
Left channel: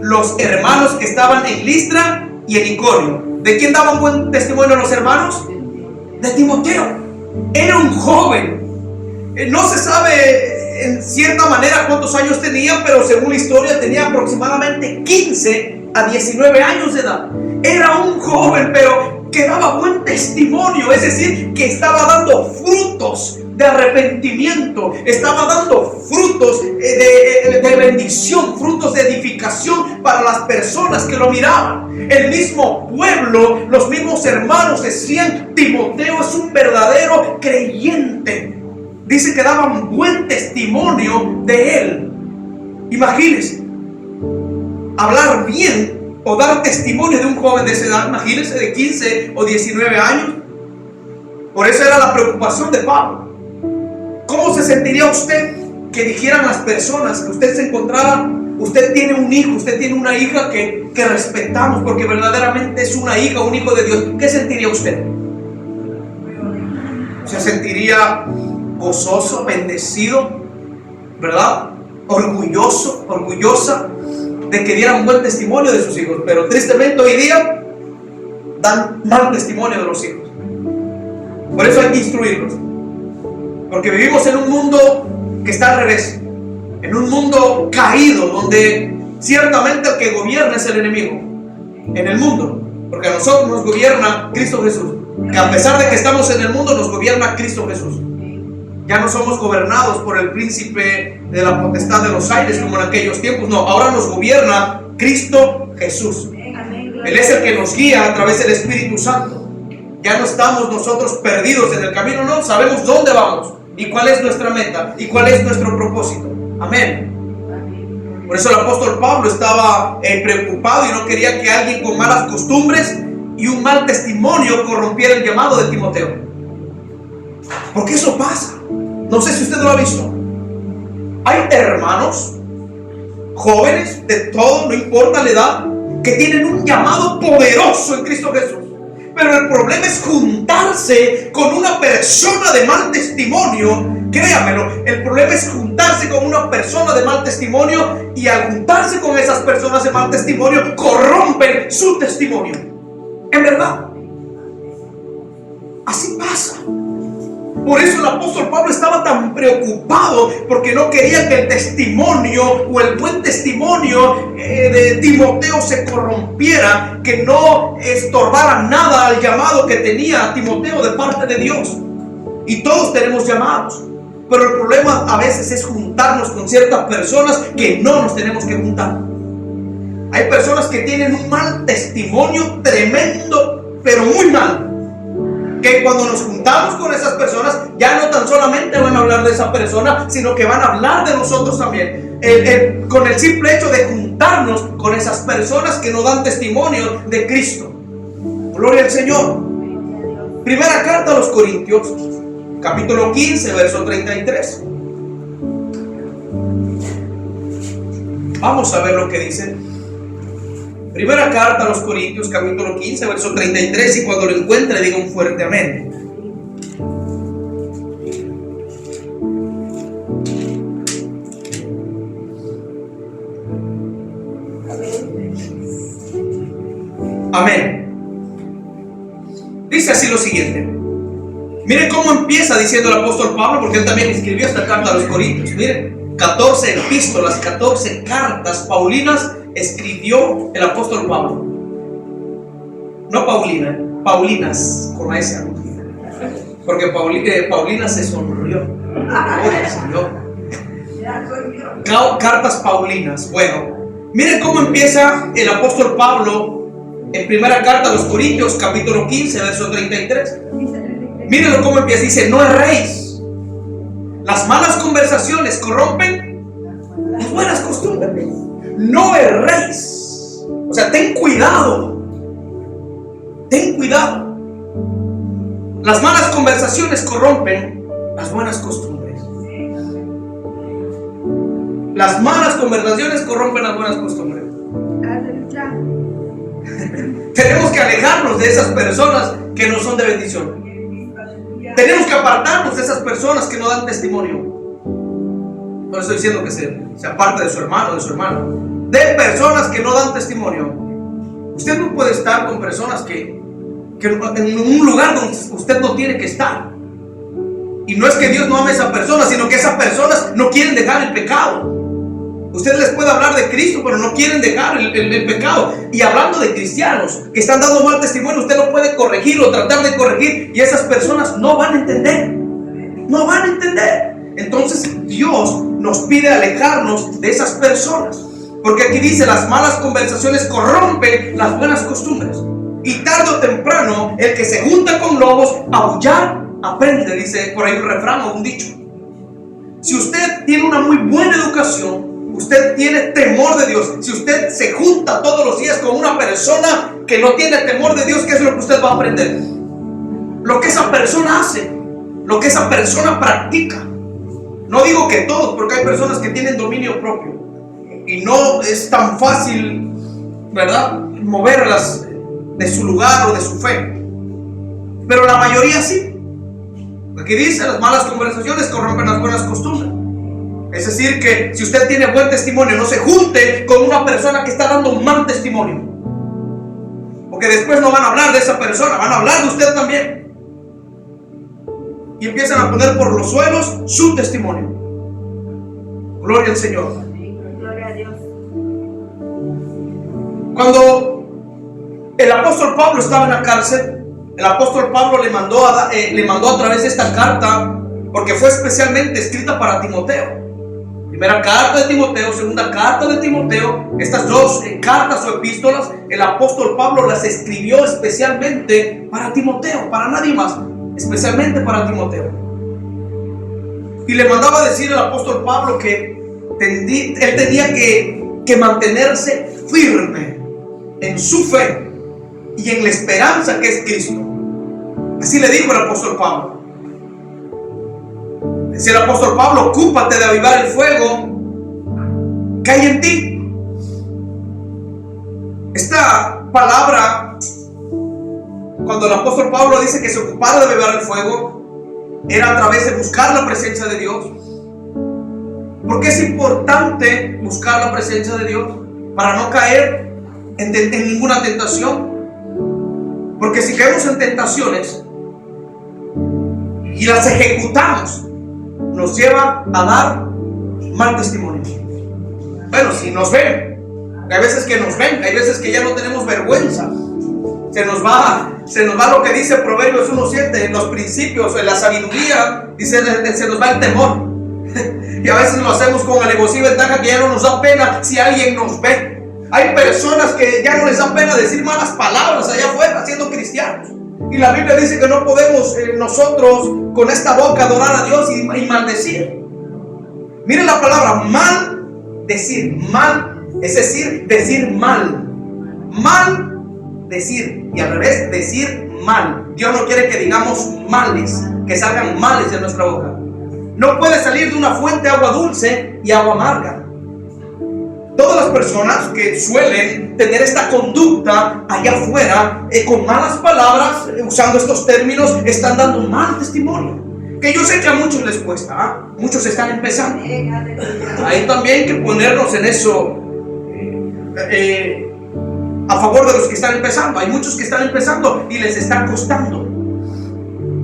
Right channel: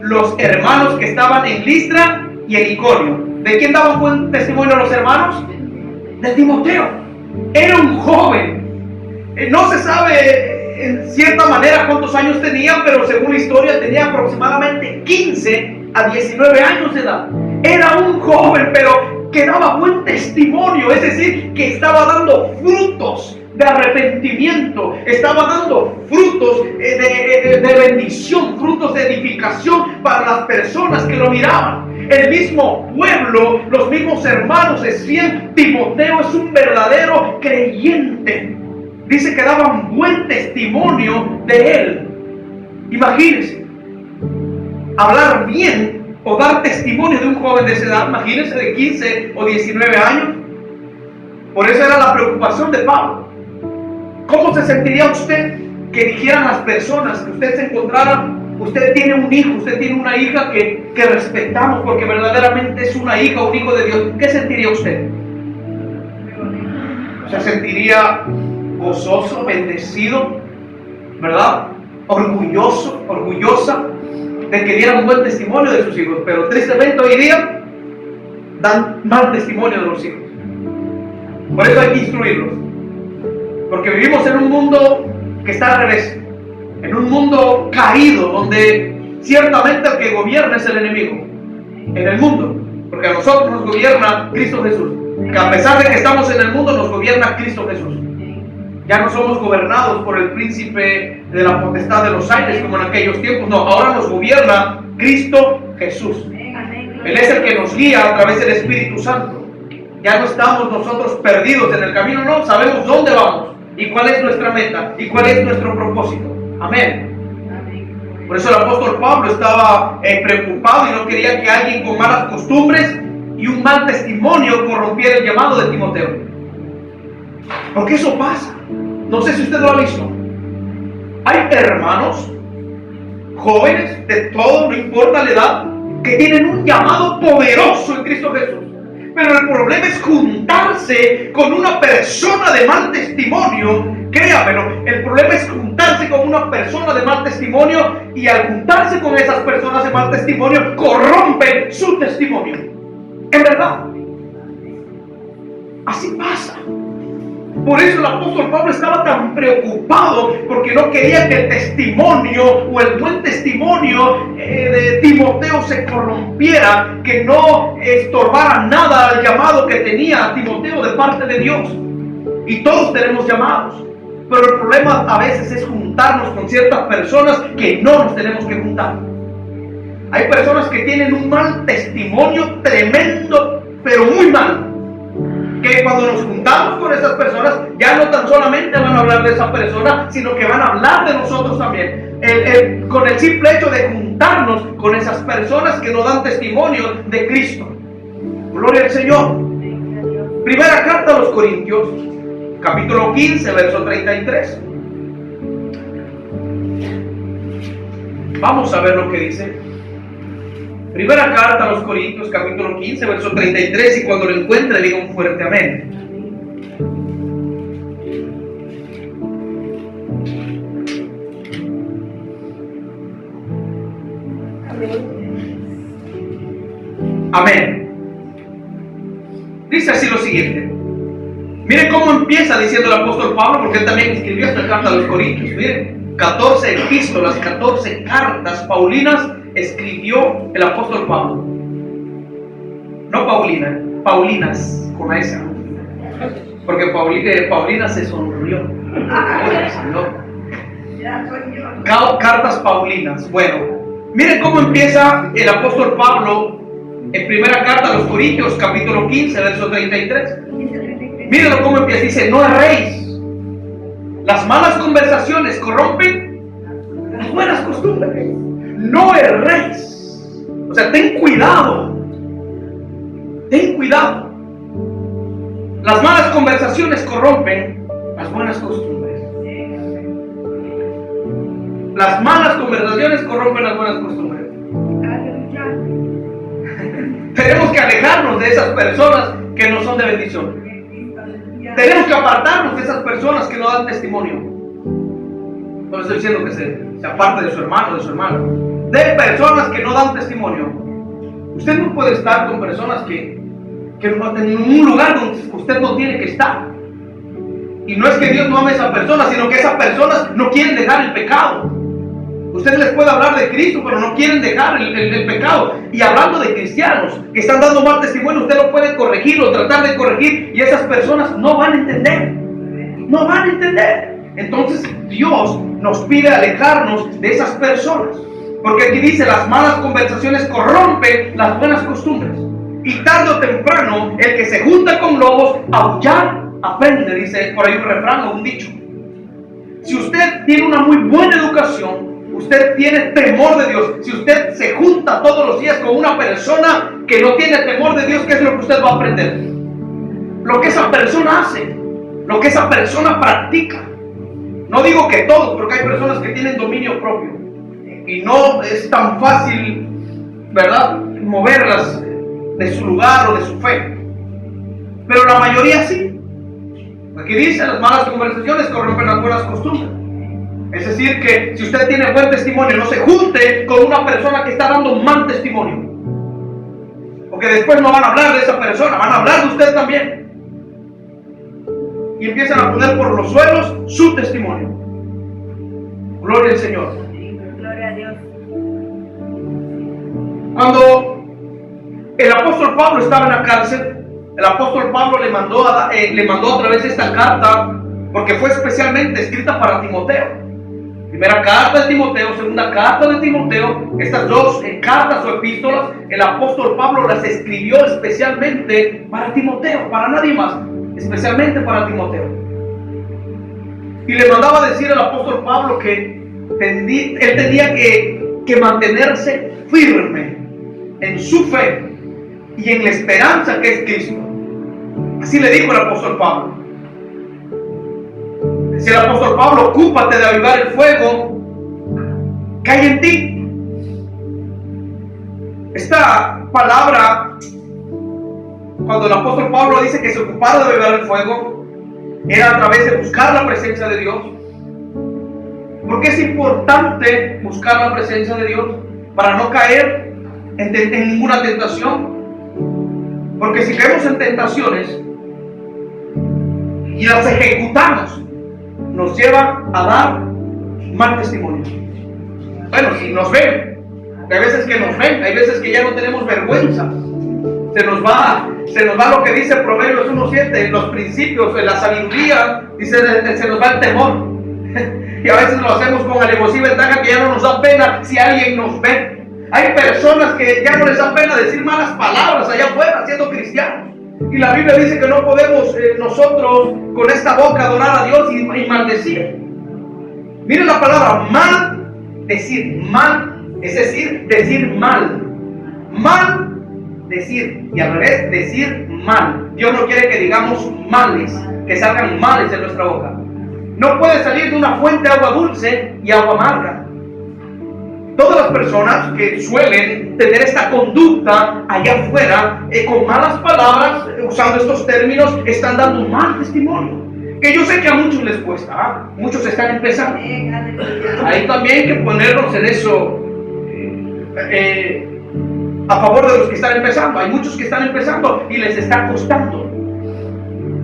Los hermanos que estaban en Listra y en Iconio. ¿De quién daban buen testimonio los hermanos? De Timoteo. Era un joven. No se sabe en cierta manera cuántos años tenía, pero según la historia tenía aproximadamente 15 a 19 años de edad. Era un joven, pero que daba buen testimonio, es decir, que estaba dando frutos de arrepentimiento, estaba dando frutos de bendición, frutos de edificación para las personas que lo miraban. El mismo pueblo, los mismos hermanos decían: Timoteo es un verdadero creyente. Dice que daban buen testimonio de él. Imagínense, hablar bien o dar testimonio de un joven de esa edad. Imagínense, de 15 o 19 años. Por eso era la preocupación de Pablo. ¿Cómo se sentiría usted que dijeran las personas que usted se encontrara: usted tiene un hijo, usted tiene una hija que respetamos porque verdaderamente es una hija, un hijo de Dios? ¿Qué sentiría usted? ¿Se sentiría gozoso, bendecido, verdad? Orgulloso, orgullosa de que dieran buen testimonio de sus hijos? Pero tristemente hoy día dan mal testimonio de los hijos. Por eso hay que instruirlos, porque vivimos en un mundo que está al revés, en un mundo caído, donde ciertamente el que gobierna es el enemigo en el mundo, porque a nosotros nos gobierna Cristo Jesús. Que a pesar de que estamos en el mundo, nos gobierna Cristo Jesús. Ya no somos gobernados por el príncipe de la potestad de los aires como en aquellos tiempos. No, ahora nos gobierna Cristo Jesús. Él es el que nos guía a través del Espíritu Santo. Ya no estamos nosotros perdidos en el camino, no, sabemos dónde vamos y cuál es nuestra meta y cuál es nuestro propósito. Amén. Por eso el apóstol Pablo estaba preocupado y no quería que alguien con malas costumbres y un mal testimonio corrompiera el llamado de Timoteo. Porque eso pasa. No sé si usted lo ha visto. Hay hermanos jóvenes de todo, no importa la edad, que tienen un llamado poderoso en Cristo Jesús. Pero el problema es juntarse con una persona de mal testimonio. Créamelo, el problema es juntarse con una persona de mal testimonio, y al juntarse con esas personas de mal testimonio, corrompen su testimonio. En verdad, así pasa. Por eso el apóstol Pablo estaba tan preocupado, porque no quería que el testimonio o el buen testimonio de Timoteo se corrompiera, que no estorbara nada al llamado que tenía Timoteo de parte de Dios. Y todos tenemos llamados, pero el problema a veces es juntarnos con ciertas personas que no nos tenemos que juntar. Hay personas que tienen un mal testimonio tremendo, pero muy mal, que cuando nos juntamos con esas personas, ya no tan solamente van a hablar de esa persona, sino que van a hablar de nosotros también. Con el simple hecho de juntarnos con esas personas que nos dan testimonio de Cristo. Gloria al Señor. Primera carta a los Corintios, capítulo 15, verso 33. Vamos a ver lo que dice. Primera carta a los Corintios, capítulo 15, verso 33. Y cuando lo encuentre, diga un fuerte amén. Amén. Dice así lo siguiente. Miren cómo empieza diciendo el apóstol Pablo, porque él también escribió esta carta a los Corintios. Miren, 14 epístolas, 14 cartas paulinas escribió el apóstol Pablo. No Paulina, Paulinas con la S, porque Paulina se sonrió. Cartas paulinas. Bueno, miren cómo empieza el apóstol Pablo en primera carta a los Corintios, capítulo 15, verso 33. Mírenlo cómo empieza. Dice: no erréis. Las malas conversaciones corrompen las buenas costumbres. No erréis. O sea, ten cuidado. Ten cuidado. Las malas conversaciones corrompen las buenas costumbres. Las malas conversaciones corrompen las buenas costumbres. Tenemos que alejarnos de esas personas que no son de bendición. Tenemos que apartarnos de esas personas que no dan testimonio. No estoy diciendo que se aparte de su hermano o de su hermana. De personas que no dan testimonio. Usted no puede estar con personas que en un lugar donde usted no tiene que estar. Y no es que Dios no ame a esa persona, sino que esas personas no quieren dejar el pecado. Usted les puede hablar de Cristo, pero no quieren dejar el pecado. Y hablando de cristianos que están dando mal testimonio, usted lo puede corregir o tratar de corregir, y esas personas no van a entender. No van a entender. Entonces Dios nos pide alejarnos de esas personas. Porque aquí dice, las malas conversaciones corrompen las buenas costumbres. Y tarde o temprano, el que se junta con lobos, aullar aprende, dice por ahí un refrán o un dicho. Si usted tiene una muy buena educación, usted tiene temor de Dios, si usted se junta todos los días con una persona que no tiene temor de Dios, ¿qué es lo que usted va a aprender? Lo que esa persona hace, lo que esa persona practica. No digo que todos, porque hay personas que tienen dominio propio y no es tan fácil, ¿verdad?, moverlas de su lugar o de su fe. Pero la mayoría sí. Aquí dice, las malas conversaciones corrompen las buenas costumbres. Es decir, que si usted tiene buen testimonio, no se junte con una persona que está dando mal testimonio. Porque después no van a hablar de esa persona, van a hablar de usted también. Y empiezan a poner por los suelos su testimonio. Gloria al Señor. Gloria a Dios. Cuando el apóstol Pablo estaba en la cárcel, el apóstol Pablo le mandó a través de esta carta, porque fue especialmente escrita para Timoteo. Primera carta de Timoteo, segunda carta de Timoteo. Estas dos cartas o epístolas, el apóstol Pablo las escribió especialmente para Timoteo, para nadie más, especialmente para Timoteo. Y le mandaba a decir al apóstol Pablo que él tenía que mantenerse firme en su fe y en la esperanza que es Cristo. Así le dijo el apóstol Pablo. Decía el apóstol Pablo, ocúpate de avivar el fuego que hay en ti. Esta palabra, cuando el apóstol Pablo dice que se ocupara de avivar el fuego, era a través de buscar la presencia de Dios. ¿Por qué es importante buscar la presencia de Dios? Para no caer en ninguna tentación. Porque si caemos en tentaciones y las ejecutamos, nos lleva a dar mal testimonio. Bueno, si nos ven, hay veces que nos ven, hay veces que ya no tenemos vergüenza. Se nos va lo que dice Proverbios 1:7, en los principios, en la sabiduría, dice, se nos va el temor. Y a veces lo hacemos con alevosía y ventaja, que ya no nos da pena si alguien nos ve. Hay personas que ya no les da pena decir malas palabras allá afuera, siendo cristianos. Y la Biblia dice que no podemos nosotros con esta boca adorar a Dios y maldecir. Miren la palabra maldecir, mal, es decir mal. Maldecir, y al revés, decir mal. Dios no quiere que digamos males, que salgan males de nuestra boca. No puede salir de una fuente agua dulce y agua amarga. Todas las personas que suelen tener esta conducta allá afuera, con malas palabras, usando estos términos, están dando un mal testimonio. Que yo sé que a muchos les cuesta, muchos están empezando. Hay también que ponernos en eso, a favor de los que están empezando. Hay muchos que están empezando y les está costando.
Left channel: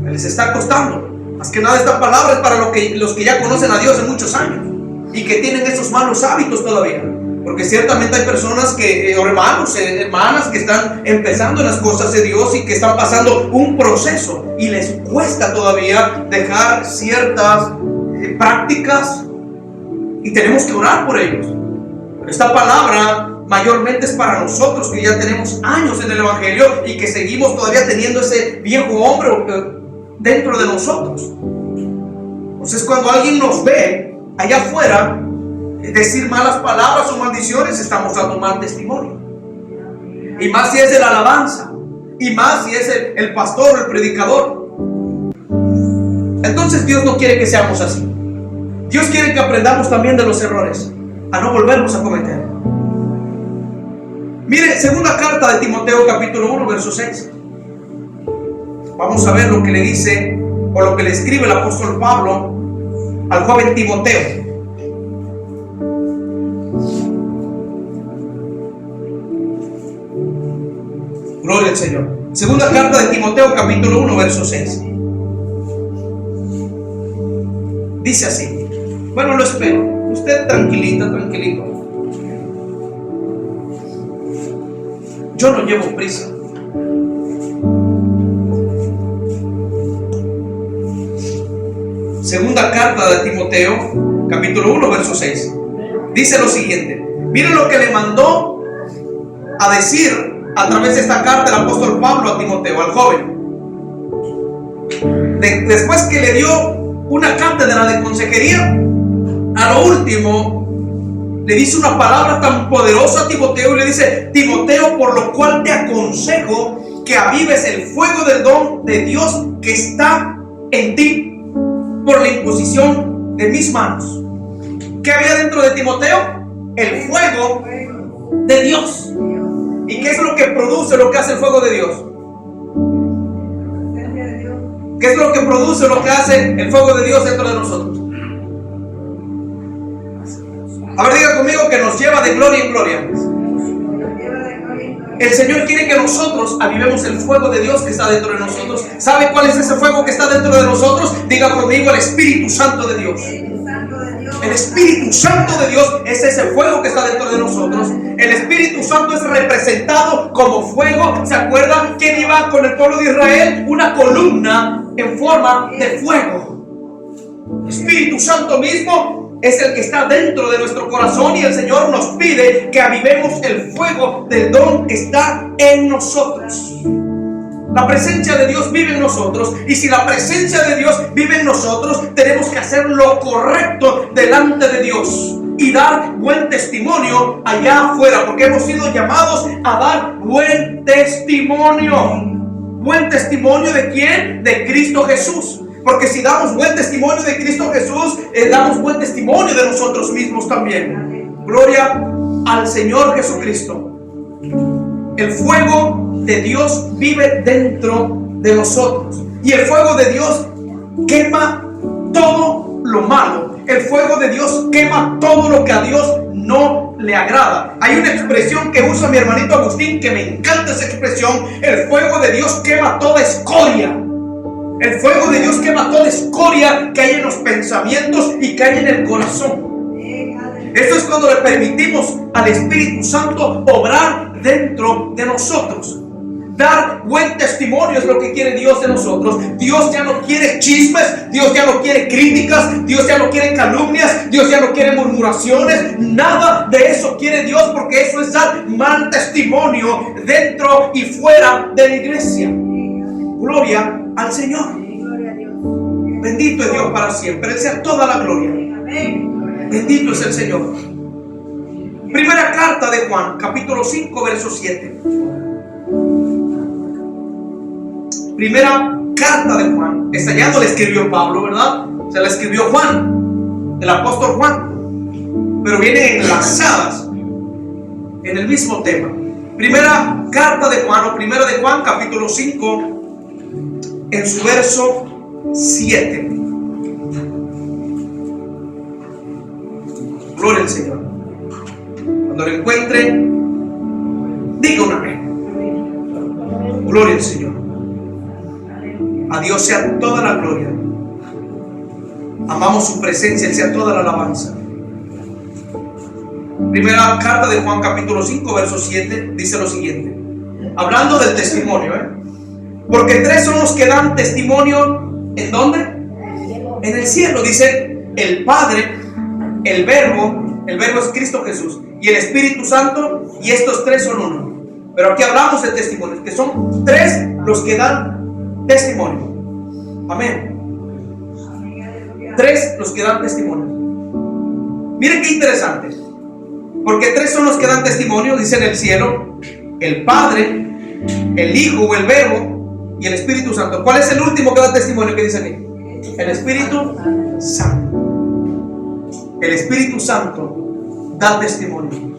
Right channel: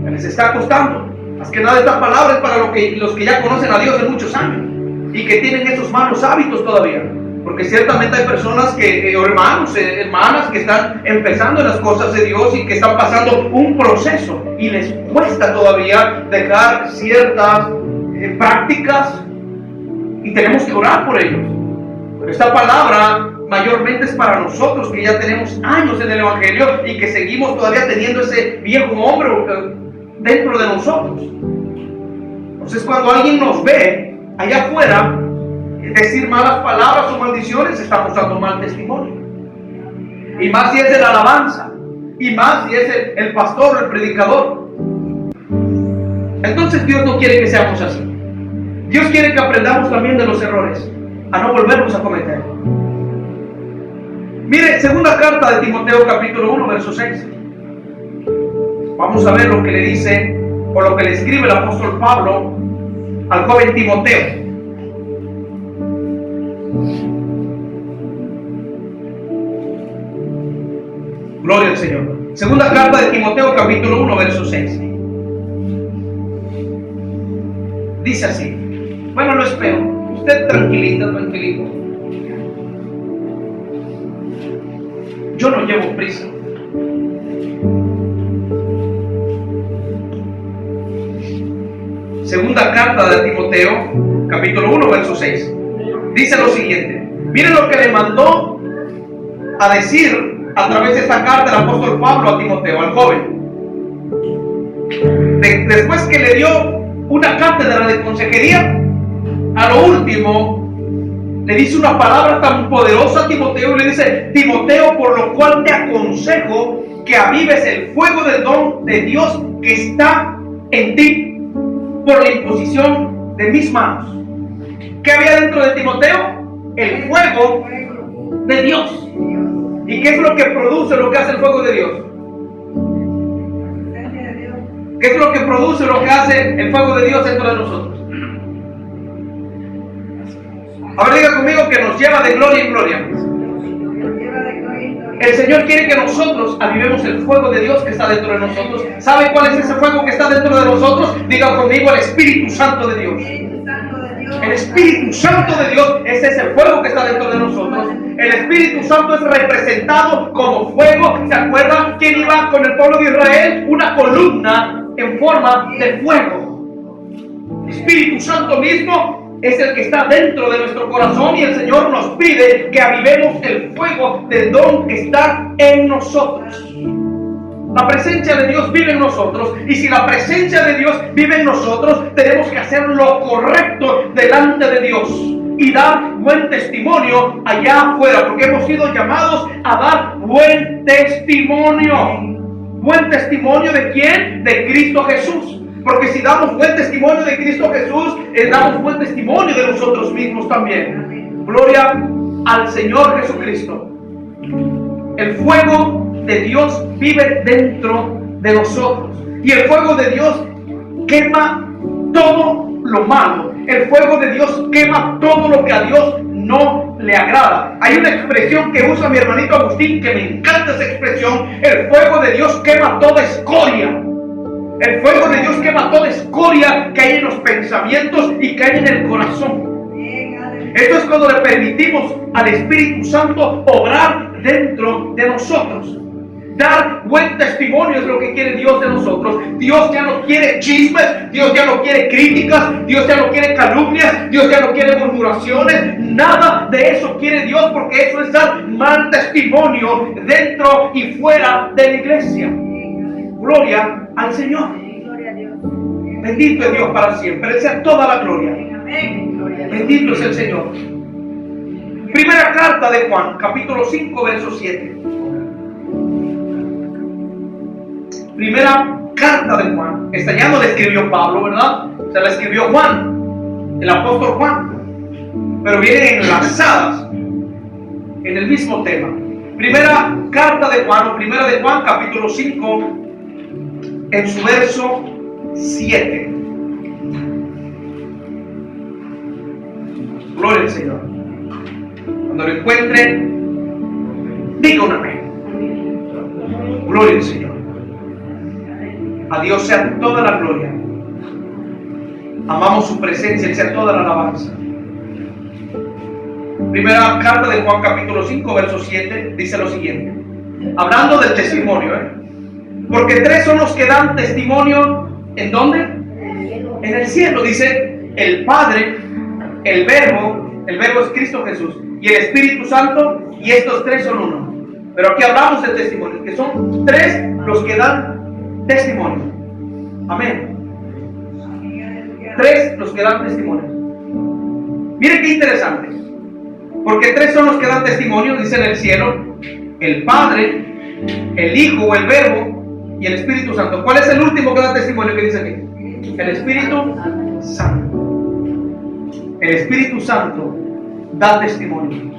Les está costando. Más que nada esta palabra es para los que ya conocen a Dios de muchos años y que tienen esos malos hábitos todavía. Porque ciertamente hay personas hermanos, hermanas que están empezando en las cosas de Dios y que están pasando un proceso y les cuesta todavía dejar ciertas prácticas, y tenemos que orar por ellos. Pero esta palabra mayormente es para nosotros que ya tenemos años en el Evangelio y que seguimos todavía teniendo ese viejo hombre dentro de nosotros. Entonces, cuando alguien nos ve allá afuera decir malas palabras o maldiciones, estamos dando mal testimonio. Y más si es de la alabanza, y más si es el pastor o el predicador. Entonces Dios no quiere que seamos así. Dios quiere que aprendamos también de los errores, a no volverlos a cometer. Mire, segunda carta de Timoteo capítulo 1 verso 6. vamos a ver lo que le dice o lo que le escribe el apóstol Pablo al joven Timoteo. Gloria al Señor. Segunda carta de Timoteo, capítulo 1, verso 6. Dice así. Bueno, lo espero. Usted tranquilito. Yo no llevo prisa. Segunda carta de Timoteo, capítulo 1, verso 6. Dice lo siguiente. Miren lo que le mandó a decir a través de esta carta el apóstol Pablo a Timoteo, al joven. Después que le dio una cátedra de consejería, a lo último le dice una palabra tan poderosa a Timoteo y le dice: Timoteo, por lo cual te aconsejo que avives el fuego del don de Dios que está en ti por la imposición de mis manos. ¿Qué había dentro de Timoteo? El fuego de Dios. ¿Y qué es lo que produce lo que hace el fuego de Dios? ¿Qué es lo que produce lo que hace el fuego de Dios dentro de nosotros? A ver, diga conmigo que nos lleva de gloria en gloria. El Señor quiere que nosotros avivemos el fuego de Dios que está dentro de nosotros. ¿Sabe cuál es ese fuego que está dentro de nosotros? Diga conmigo: el Espíritu Santo de Dios. El Espíritu Santo de Dios es ese fuego que está dentro de nosotros. El Espíritu Santo es representado como fuego. ¿Se acuerdan quién iba con el pueblo de Israel? Una columna en forma de fuego. El Espíritu Santo mismo es el que está dentro de nuestro corazón, y el Señor nos pide que avivemos el fuego del don que está en nosotros. La presencia de Dios vive en nosotros, y si la presencia de Dios vive en nosotros, tenemos que hacer lo correcto delante de Dios y dar buen testimonio allá afuera, porque hemos sido llamados a dar buen testimonio. ¿Buen testimonio de quién? De Cristo Jesús. Porque si damos buen testimonio de Cristo Jesús, damos buen testimonio de nosotros mismos también. Gloria al Señor Jesucristo. El fuego de Dios vive dentro de nosotros, y el fuego de Dios quema todo lo malo. El fuego de Dios quema todo lo que a Dios no le agrada. Hay una expresión que usa mi hermanito Agustín que me encanta esa expresión: el fuego de Dios quema toda escoria. El fuego de Dios quema toda escoria que hay en los pensamientos y que hay en el corazón. Esto es cuando le permitimos al Espíritu Santo obrar dentro de nosotros. Dar buen testimonio es lo que quiere Dios de nosotros. Dios ya no quiere chismes, Dios ya no quiere críticas, Dios ya no quiere calumnias, Dios ya no quiere murmuraciones. Nada de eso quiere Dios, porque eso es dar mal testimonio dentro y fuera de la iglesia. Gloria al Señor. Bendito es Dios para siempre. Él sea toda la gloria. Bendito es el Señor. Primera carta de Juan, capítulo 5, verso 7. Primera carta de Juan. Esta ya no la escribió Pablo, ¿verdad? Se la escribió Juan, el apóstol Juan, pero vienen enlazadas en el mismo tema. Primera carta de Juan, o primera de Juan, capítulo 5, en su verso 7. Gloria al Señor. Cuando lo encuentre, diga un amén. Gloria al Señor. A Dios sea toda la gloria. Amamos su presencia, Él sea toda la alabanza. Primera carta de Juan, capítulo 5, verso 7, dice lo siguiente, hablando del testimonio, porque tres son los que dan testimonio. ¿En dónde? En el cielo. Dice el Padre, el Verbo es Cristo Jesús, y el Espíritu Santo, y estos tres son uno. Pero aquí hablamos de testimonios, que son tres los que dan testimonio. Amén. Tres los que dan testimonio. Miren qué interesante, porque tres son los que dan testimonio, dice en el cielo: el Padre, el Hijo o el Verbo y el Espíritu Santo. ¿Cuál es el último que da testimonio que dice aquí? El Espíritu Santo. El Espíritu Santo da testimonio.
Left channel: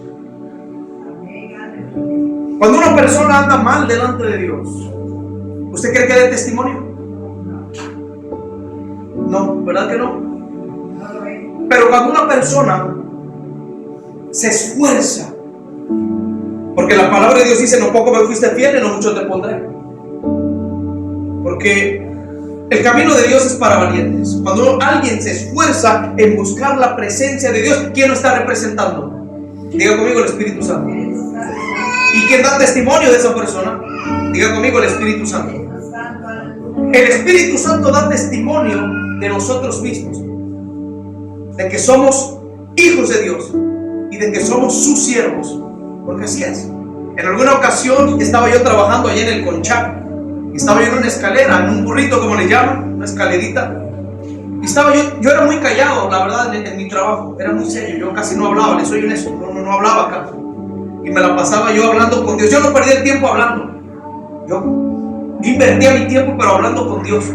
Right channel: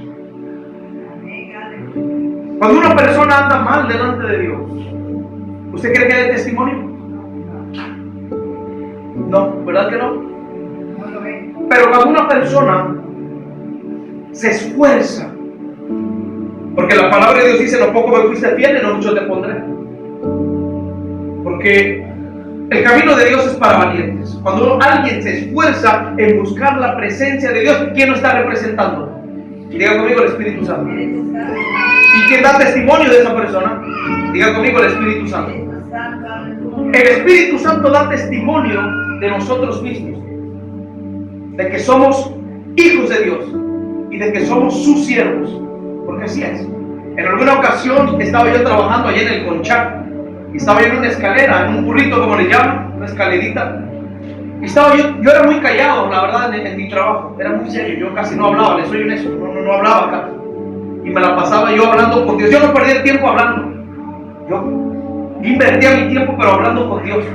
Cuando una persona anda mal delante de Dios, ¿Usted cree que dé testimonio? No, ¿verdad que no? No lo ve. Pero cuando una persona se esfuerza, porque la palabra de Dios dice: no poco me fuiste fiel, no mucho te pondré. Porque el camino de Dios es para valientes. Cuando alguien se esfuerza en buscar la presencia de Dios, ¿quién lo está representando? Diga conmigo: el Espíritu Santo. Espíritu Santo. ¿Y quién da testimonio de esa persona? Diga conmigo: el Espíritu Santo. Espíritu Santo, aleluya. El Espíritu Santo da testimonio de nosotros mismos, de que somos hijos de Dios y de que somos sus siervos, porque así es. En alguna ocasión estaba yo trabajando allá en el Conchá y estaba yo en una escalera, en un burrito como le llaman, una escalerita, y estaba yo era muy callado, la verdad, en mi trabajo, era muy serio, yo casi no hablaba, le soy honesto, no hablaba acá, y me la pasaba yo hablando con Dios. Yo no perdía el tiempo hablando, yo invertía mi tiempo pero hablando con Dios.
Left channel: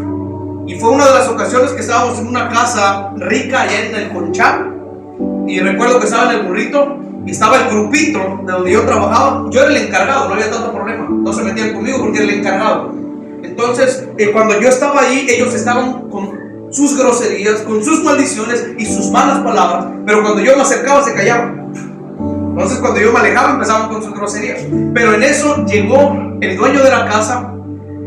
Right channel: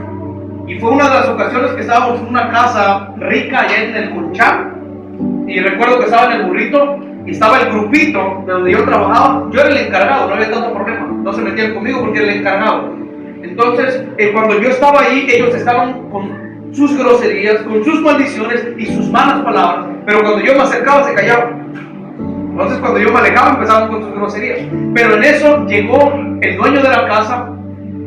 Y fue una de las ocasiones que estábamos en una casa rica allá en el Conchá, y recuerdo que estaba en el burrito y estaba el grupito de donde yo trabajaba. Yo era el encargado, no había tanto problema, no se metían conmigo porque era el encargado. Entonces cuando yo estaba ahí, ellos estaban con sus groserías, con sus maldiciones y sus malas palabras, pero cuando yo me acercaba se callaban. Entonces cuando yo me alejaba empezaban con sus groserías. Pero en eso llegó el dueño de la casa.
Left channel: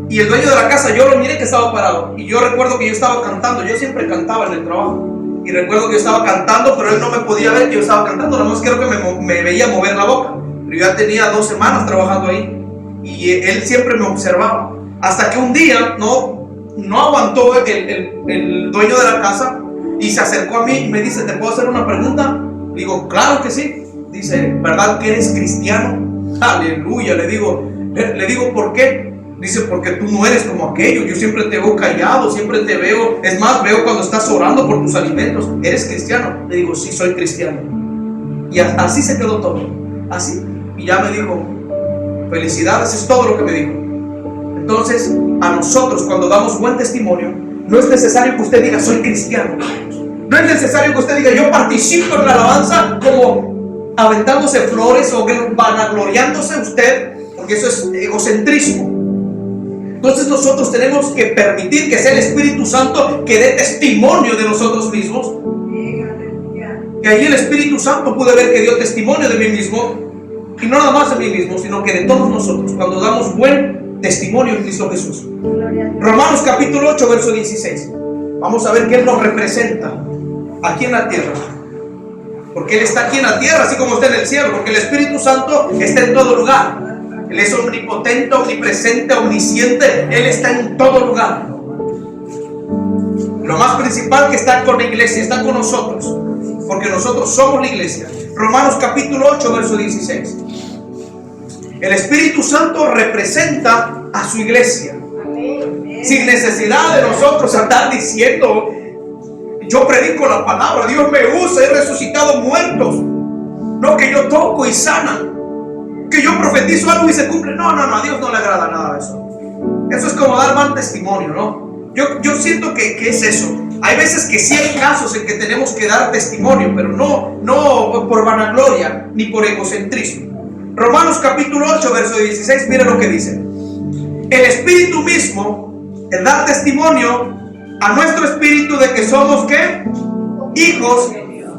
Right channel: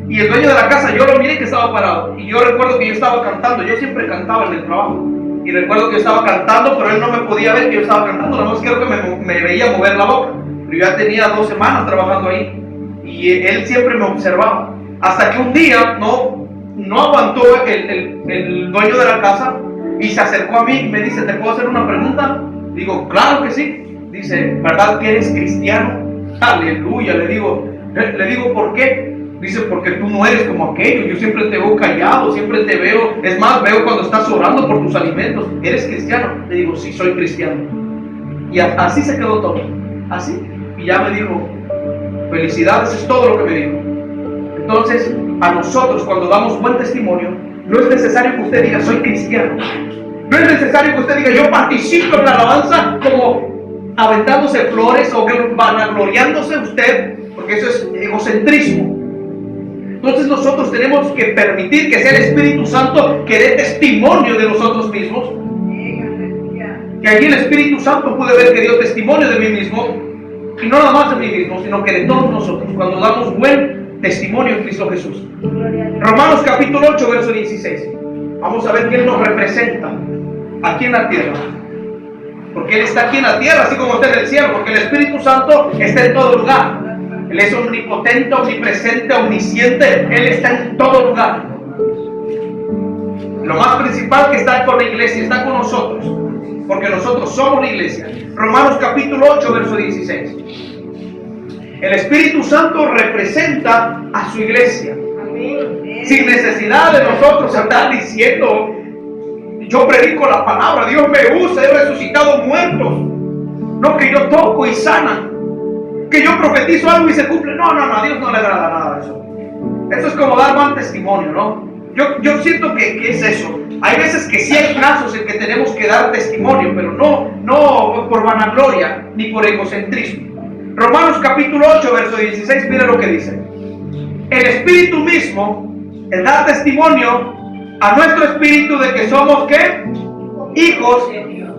Y el dueño de la casa, yo lo miré que estaba parado. Y yo recuerdo que yo estaba cantando. Yo siempre cantaba en el trabajo. Y recuerdo que yo estaba cantando, pero él no me podía ver que yo estaba cantando. Nada más creo que me veía mover la boca. Pero yo ya tenía 2 semanas trabajando ahí. Y él siempre me observaba. Hasta que un día no aguantó el dueño de la casa. Y se acercó a mí y me dice: ¿te puedo hacer una pregunta? Digo: claro que sí. Dice: ¿verdad que eres cristiano? Aleluya. Le digo: ¿por qué? Dice: porque tú no eres como aquellos. Yo siempre te veo callado, siempre te veo. Es más, veo cuando estás orando por tus alimentos. ¿Eres cristiano? Le digo: sí, soy cristiano. Y así se quedó todo. Así. Y ya me dijo: felicidades, es todo lo que me dijo. Entonces, a nosotros, cuando damos buen testimonio, no es necesario que usted diga: soy cristiano. No es necesario que usted diga: yo participo en la alabanza, como aventándose flores o vanagloriándose usted, porque eso es egocentrismo. Entonces nosotros tenemos que permitir que sea el Espíritu Santo que dé testimonio de nosotros mismos. Y allí el Espíritu Santo pude ver que dio testimonio de mí mismo, y no nada más de mí mismo, sino que de todos nosotros, cuando damos buen testimonio en Cristo Jesús. Romanos capítulo 8, verso 16. Vamos a ver que Él nos representa aquí en la tierra, porque Él está aquí en la tierra así como está en el cielo, porque el Espíritu Santo está en todo lugar. Él es omnipotente, omnipresente, omnisciente. Él está en todo lugar. Lo más principal que está con la iglesia, está con nosotros, porque nosotros somos la iglesia. Romanos capítulo 8, verso 16. El Espíritu Santo representa a su iglesia. Sin necesidad de nosotros andar diciendo: yo predico la palabra, Dios me usa, he resucitado muertos. No, que yo toco y sana, que yo profetizo algo y se cumple. No, a Dios no le agrada nada de eso. Eso es como dar mal testimonio, ¿no? Yo siento que es eso. Hay veces que sí hay casos en que tenemos que dar testimonio, pero no por vanagloria ni por egocentrismo. Romanos capítulo 8, verso 16, mira lo que dice. El Espíritu mismo, el dar testimonio a nuestro espíritu de que somos, ¿qué? Hijos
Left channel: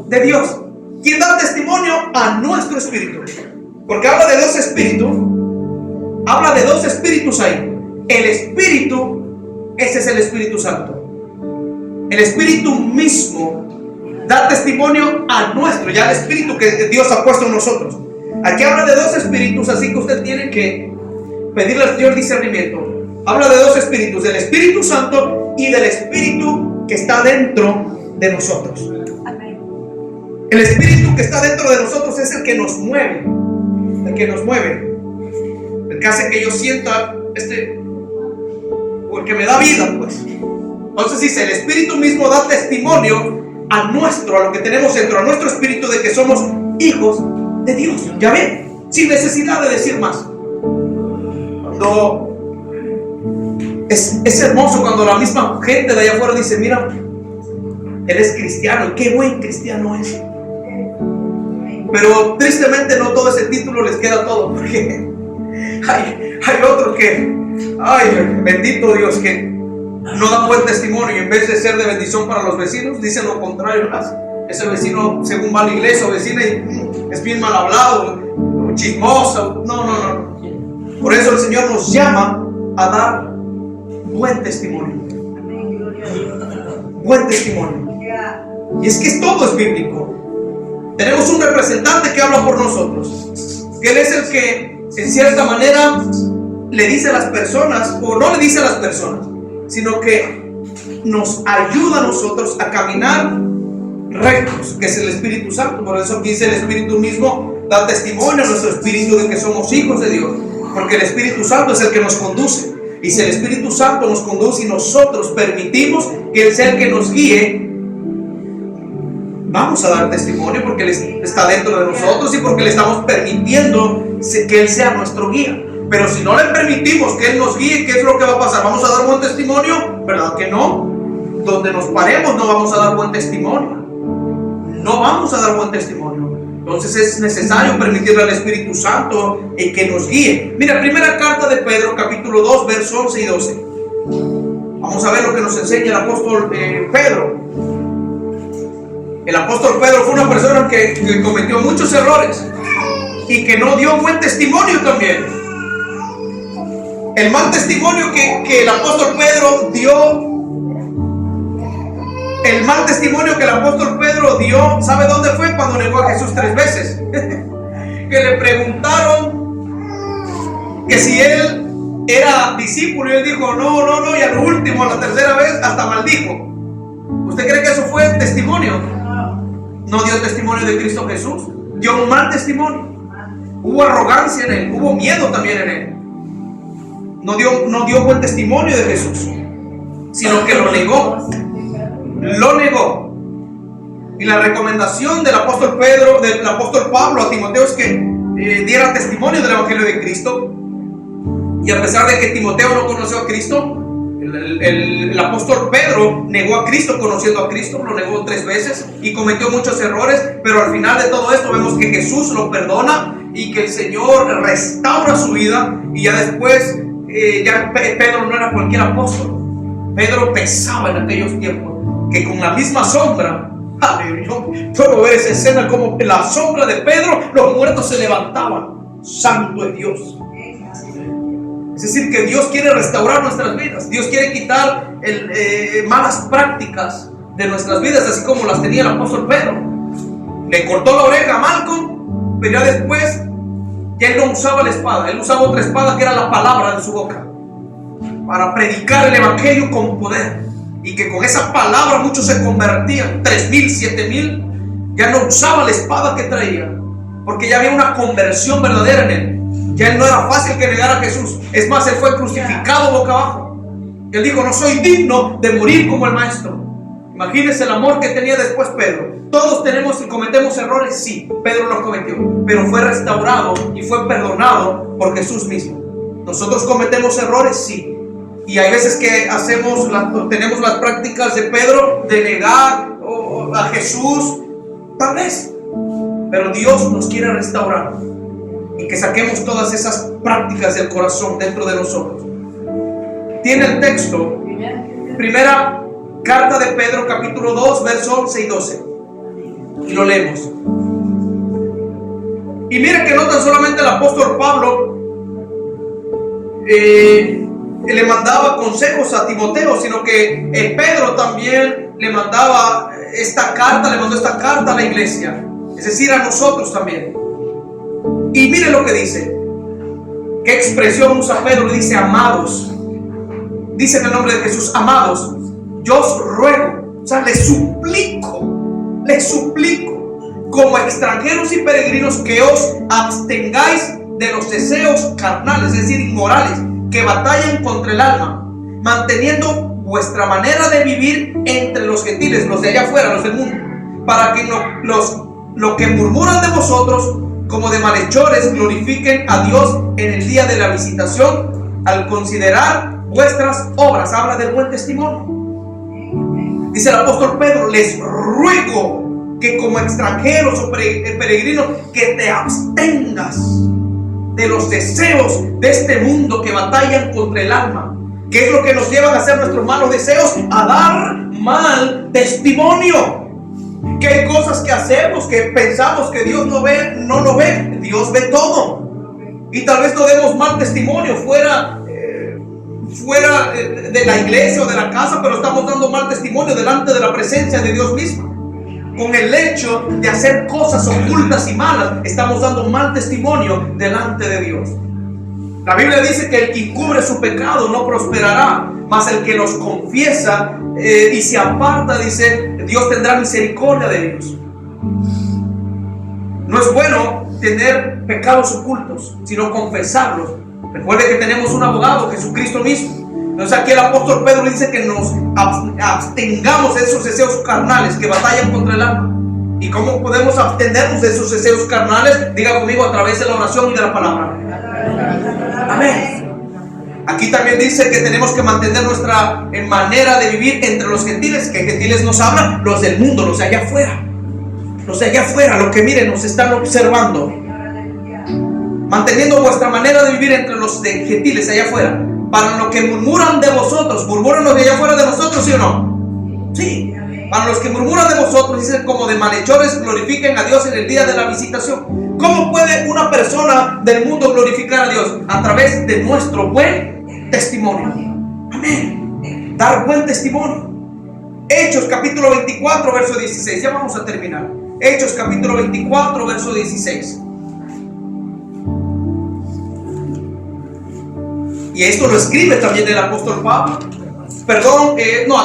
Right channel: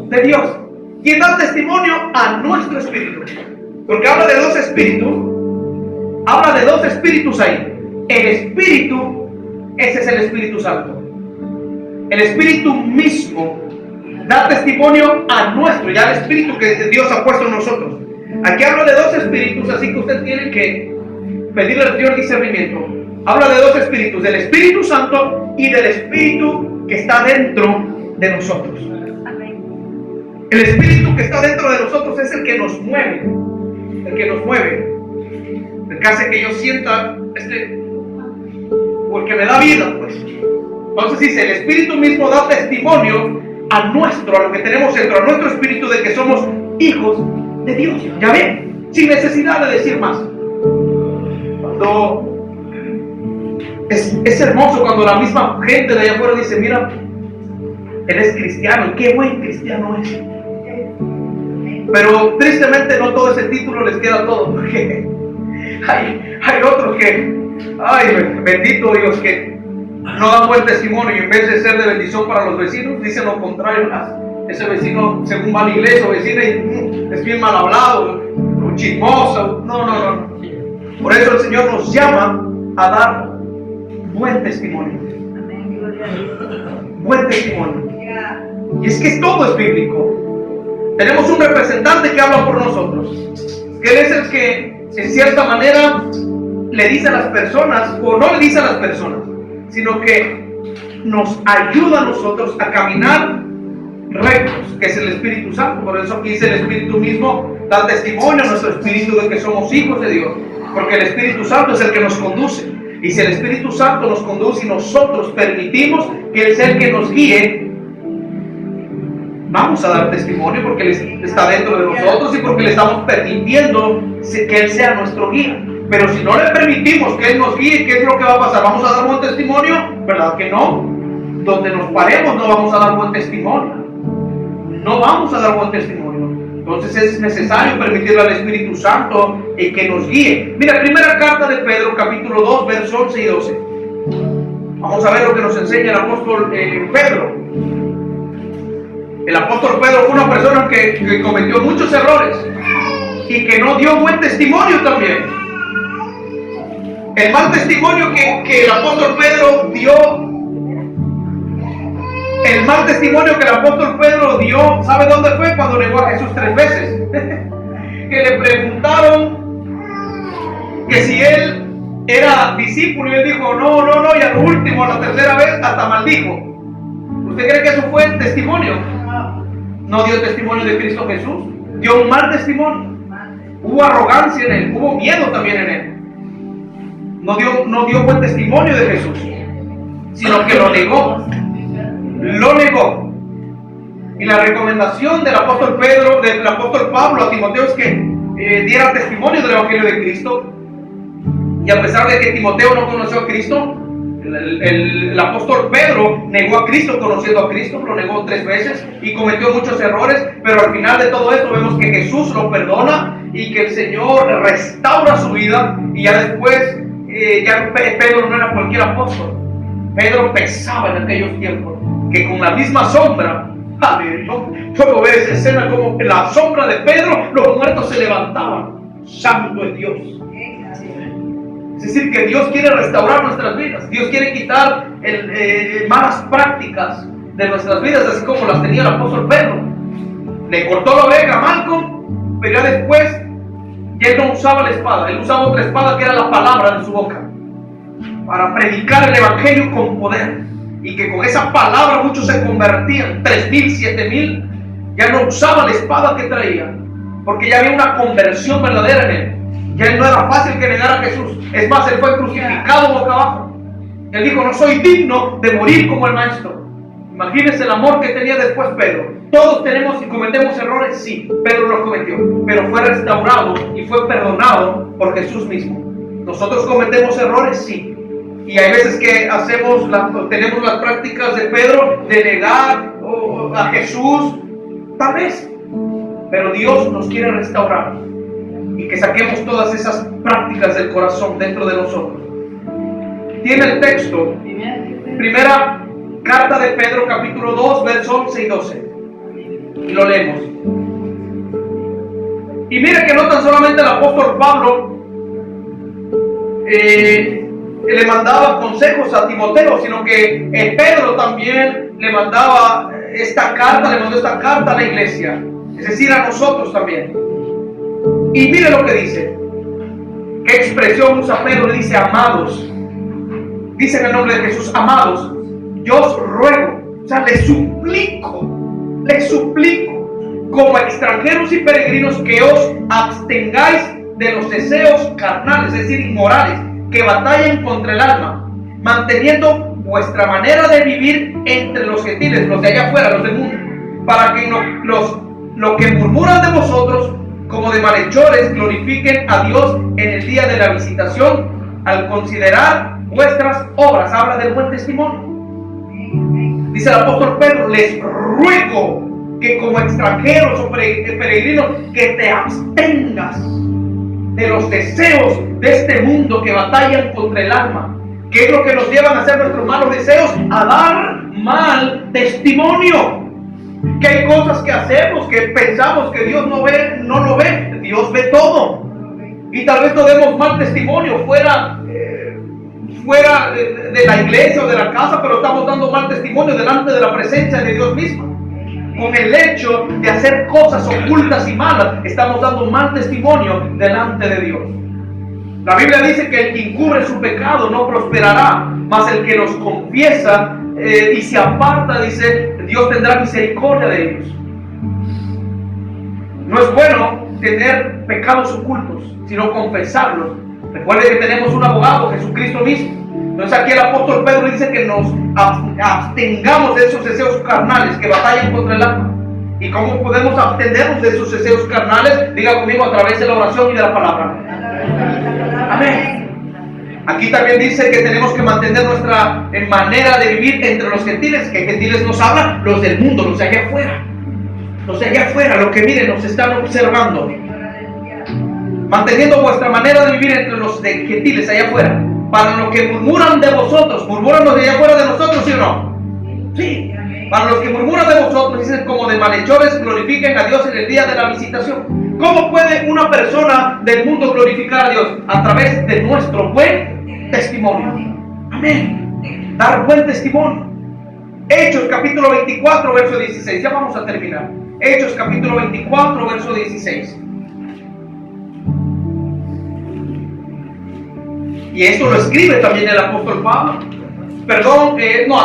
de Dios. ¿Quién da testimonio? A nuestro espíritu. Porque habla de 2 espíritus. Habla de 2 espíritus ahí. El Espíritu, ese es el Espíritu Santo. El Espíritu mismo da testimonio a nuestro, ya el Espíritu que Dios ha puesto en nosotros. Aquí habla de 2 espíritus, así que usted tiene que pedirle al Señor discernimiento. Habla de 2 espíritus, del Espíritu Santo y del Espíritu que está dentro de nosotros. Amén. El Espíritu que está dentro de nosotros es el que nos mueve. El que nos mueve. El que hace que yo sienta o el que me da vida, pues. Entonces dice: el Espíritu mismo da testimonio a lo que tenemos dentro, a nuestro espíritu, de que somos hijos de Dios. ¿Ya ven? Sin necesidad de decir más. Cuando es hermoso cuando la misma gente de allá afuera dice: mira, él es cristiano, y qué buen cristiano es. Pero tristemente no todo ese título les queda todo, porque hay otros que Ay, bendito Dios, que no da buen testimonio y en vez de ser de bendición para los vecinos, dice lo contrario. Ese vecino, según va a la iglesia o vecina, es bien mal hablado, chismoso. No. Por eso el Señor nos llama a dar buen testimonio. Amén, gloria a Dios. Buen testimonio. Ya. Y es que todo es bíblico. Tenemos un representante que habla por nosotros, que Él es el que en cierta manera le dice a las personas, o no le dice a las personas, sino que nos ayuda a nosotros a caminar rectos, que es el Espíritu Santo. Por eso aquí dice el Espíritu mismo da testimonio a nuestro espíritu de que somos hijos de Dios, porque el Espíritu Santo es el que nos conduce. Y si el Espíritu Santo nos conduce y nosotros permitimos que Él sea el que nos guíe, vamos a dar testimonio porque Él está dentro de nosotros y porque le estamos permitiendo que Él sea nuestro guía. Pero si no le permitimos que Él nos guíe, ¿qué es lo que va a pasar? ¿Vamos a dar buen testimonio? ¿Verdad que no? Donde nos paremos no vamos a dar buen testimonio. No vamos a dar buen testimonio. Entonces es necesario permitirle al Espíritu Santo que nos guíe. Mira, primera carta de Pedro, capítulo 2, versos 11 y 12. Vamos a ver lo que nos enseña el apóstol Pedro. El apóstol Pedro fue una persona que cometió muchos errores y que no dio buen testimonio también. El mal testimonio que el apóstol Pedro dio, ¿sabe dónde fue? Cuando negó a Jesús 3 veces. Que le preguntaron que si él era discípulo y él dijo no, y al último, a la tercera vez, hasta maldijo. ¿Usted cree que eso fue testimonio? No dio testimonio de Cristo Jesús, dio un mal testimonio. Hubo arrogancia en él, hubo miedo también en él. No dio buen testimonio de Jesús, sino que lo negó. Y la recomendación del apóstol Pablo a Timoteo es que diera testimonio del evangelio de Cristo. Y a pesar de que Timoteo no conoció a Cristo, el apóstol Pedro negó a Cristo conociendo a Cristo, lo negó 3 veces y cometió muchos errores, pero al final de todo esto vemos que Jesús lo perdona y que el Señor restaura su vida. Y ya después ya Pedro no era cualquier apóstol. Pedro pesaba en aquellos tiempos, que con la misma sombra, yo puedo ver esa escena como en la sombra de Pedro los muertos se levantaban. Santo es Dios. Es decir, que Dios quiere restaurar nuestras vidas. Dios quiere quitar malas prácticas de nuestras vidas, así como las tenía el apóstol Pedro. Le cortó la oreja a Malcolm, pero ya después ya él no usaba la espada. Él usaba otra espada que era la palabra de su boca, para predicar el evangelio con poder. Y que con esa palabra muchos se convertían, 3,000, 7,000. Ya no usaba la espada que traía, porque ya había una conversión verdadera en él. Ya él no era fácil que negara a Jesús. Es más, él fue crucificado boca abajo. Él dijo: no soy digno de morir como el maestro. Imagínense el amor que tenía después Pedro. Todos tenemos y cometemos errores, sí, Pedro los cometió, pero fue restaurado y fue perdonado por Jesús mismo. Nosotros cometemos errores, sí. Y hay veces que tenemos las prácticas de Pedro de negar a Jesús, tal vez. Pero Dios nos quiere restaurar y que saquemos todas esas prácticas del corazón dentro de nosotros. Tiene el texto, primera carta de Pedro, capítulo 2, versos 11 y 12. Y lo leemos. Y mira que no tan solamente el apóstol Pablo le mandaba consejos a Timoteo, sino que Pedro también le mandó esta carta a la iglesia, es decir, a nosotros también. Y mire lo que dice. ¿Qué expresión usa Pedro? Le dice: amados. Dice en el nombre de Jesús: amados, yo os ruego, o sea, les suplico, como extranjeros y peregrinos, que os abstengáis de los deseos carnales, es decir, inmorales, que batallan contra el alma, manteniendo vuestra manera de vivir entre los gentiles, los de allá afuera, los del mundo, para que lo que murmuran de vosotros como de malhechores glorifiquen a Dios en el día de la visitación, al considerar vuestras obras. Habla del buen testimonio. Dice el apóstol Pedro: les ruego que como extranjeros o peregrinos, que te abstengas de los deseos de este mundo que batallan contra el alma. ¿Qué es lo que nos llevan a hacer nuestros malos deseos? A dar mal testimonio. Que hay cosas que hacemos que pensamos que Dios no ve, no lo ve. Dios ve todo. Y tal vez no demos mal testimonio fuera de la iglesia o de la casa, pero estamos dando mal testimonio delante de la presencia de Dios mismo. Con el hecho de hacer cosas ocultas y malas, estamos dando mal testimonio delante de Dios. La Biblia dice que el que encubre su pecado no prosperará, mas el que los confiesa y se aparta, dice, Dios tendrá misericordia de ellos. No es bueno tener pecados ocultos, sino confesarlos. Recuerde que tenemos un abogado, Jesucristo mismo. Entonces aquí el apóstol Pedro dice que nos abstengamos de esos deseos carnales que batallan contra el alma. ¿Y cómo podemos abstenernos de esos deseos carnales? Diga conmigo, a través de la oración y de la palabra. Amén. Aquí también dice que tenemos que mantener nuestra manera de vivir entre los gentiles. ¿Qué gentiles nos hablan? Los del mundo, los de allá afuera. Los de allá afuera, los que miren, nos están observando. Manteniendo vuestra manera de vivir entre los de gentiles allá afuera. Para los que murmuran de vosotros, ¿murmuran los de allá afuera de nosotros, sí o no? Sí. Para los que murmuran de vosotros, dicen como de malhechores, glorifiquen a Dios en el día de la visitación. ¿Cómo puede una persona del mundo glorificar a Dios? A través de nuestro buen testimonio. Amén. Dar buen testimonio. Hechos capítulo 24, verso 16. Ya vamos a terminar. Hechos capítulo 24, verso 16. Y esto lo escribe también el apóstol Pablo. Perdón,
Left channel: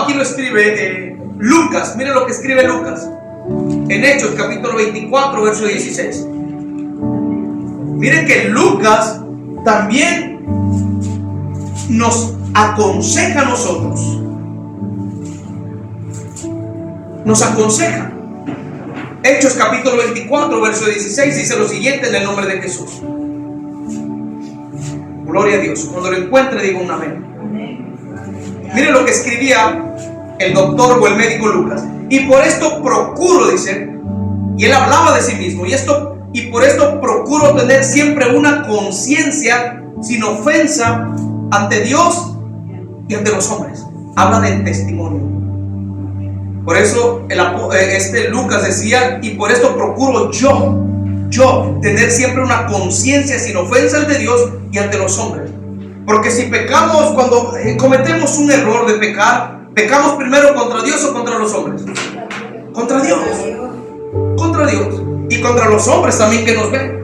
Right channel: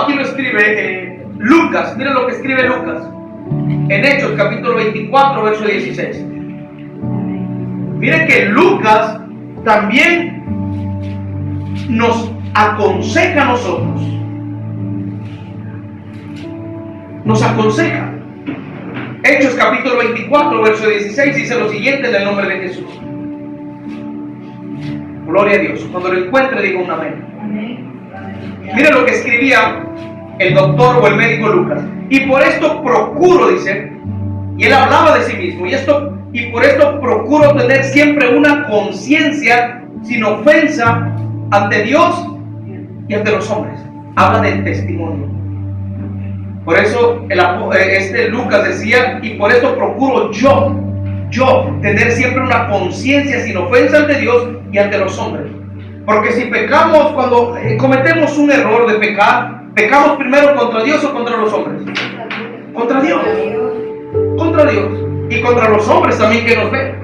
aquí lo escribe Lucas. Miren lo que escribe Lucas en Hechos capítulo 24, verso 16. Miren que Lucas también nos aconseja a nosotros. Nos aconseja. Hechos capítulo 24, verso 16 dice lo siguiente en el nombre de Jesús. Gloria a Dios. Cuando lo encuentre, digo un amén. Miren lo que escribía el doctor o el médico Lucas. Y por esto procuro, dice, y él hablaba de sí mismo, y por esto procuro tener siempre una conciencia sin ofensa ante Dios y ante los hombres. Habla del testimonio. Por eso Lucas decía, y por esto procuro yo tener siempre una conciencia sin ofensa ante Dios y ante los hombres. Porque si pecamos, cuando cometemos un error de pecar, pecamos primero contra Dios o contra los hombres. Contra Dios. Contra Dios. Y contra los hombres también que nos ven.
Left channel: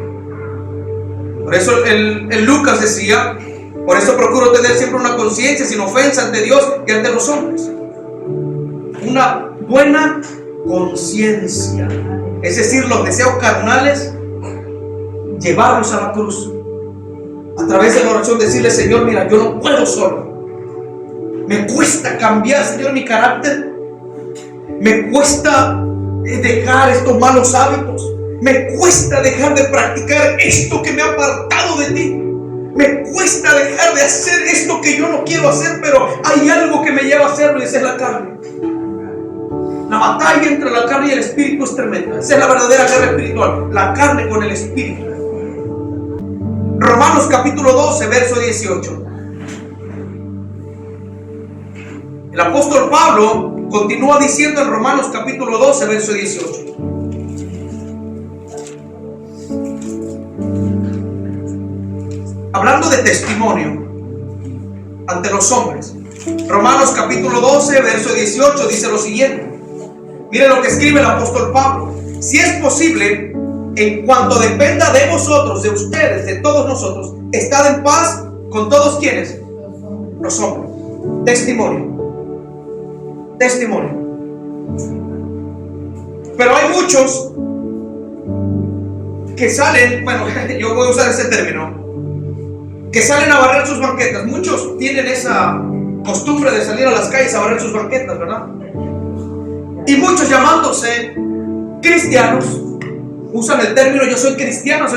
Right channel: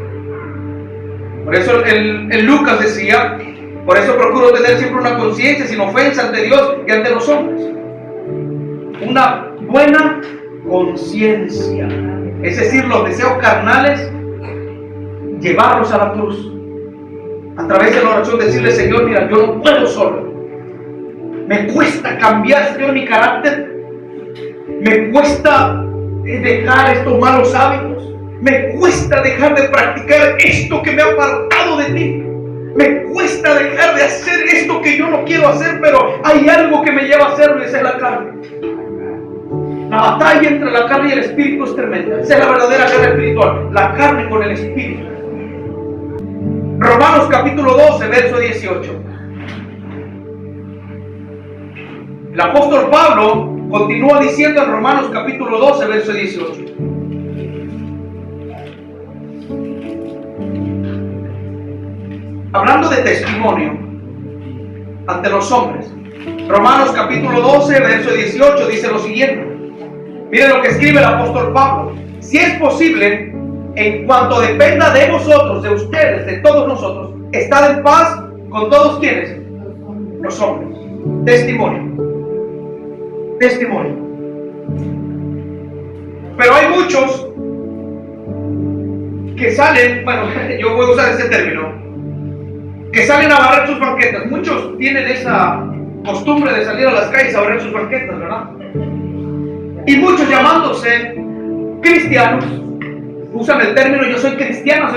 Por eso el Lucas decía, por eso procuro tener siempre una conciencia sin ofensa ante Dios y ante los hombres. Una buena conciencia. Es decir, los deseos carnales, llevarlos a la cruz. A través de la oración decirle, Señor, mira, yo no puedo solo. Me cuesta cambiar, Señor, mi carácter. Me cuesta dejar estos malos hábitos. Me cuesta dejar de practicar esto que me ha apartado de ti. Me cuesta dejar de hacer esto que yo no quiero hacer, pero hay algo que me lleva a hacerlo y esa es la carne. La batalla entre la carne y el espíritu es tremenda. Esa es la verdadera guerra espiritual. La carne con el espíritu. Romanos capítulo 12, verso 18. El apóstol Pablo continúa diciendo en Romanos capítulo 12, verso 18. Hablando de testimonio ante los hombres. Romanos capítulo 12, verso 18 dice lo siguiente. Miren lo que escribe el apóstol Pablo. Si es posible, en cuanto dependa de vosotros, de ustedes, de todos nosotros, estad en paz con todos quienes, los hombres. Testimonio. Testimonio. Pero hay muchos que salen, bueno, yo voy a usar ese término, que salen a barrer sus banquetas. Muchos tienen esa costumbre de salir a las calles a barrer sus banquetas, ¿verdad? Y muchos llamándose cristianos usan el término yo soy cristiano,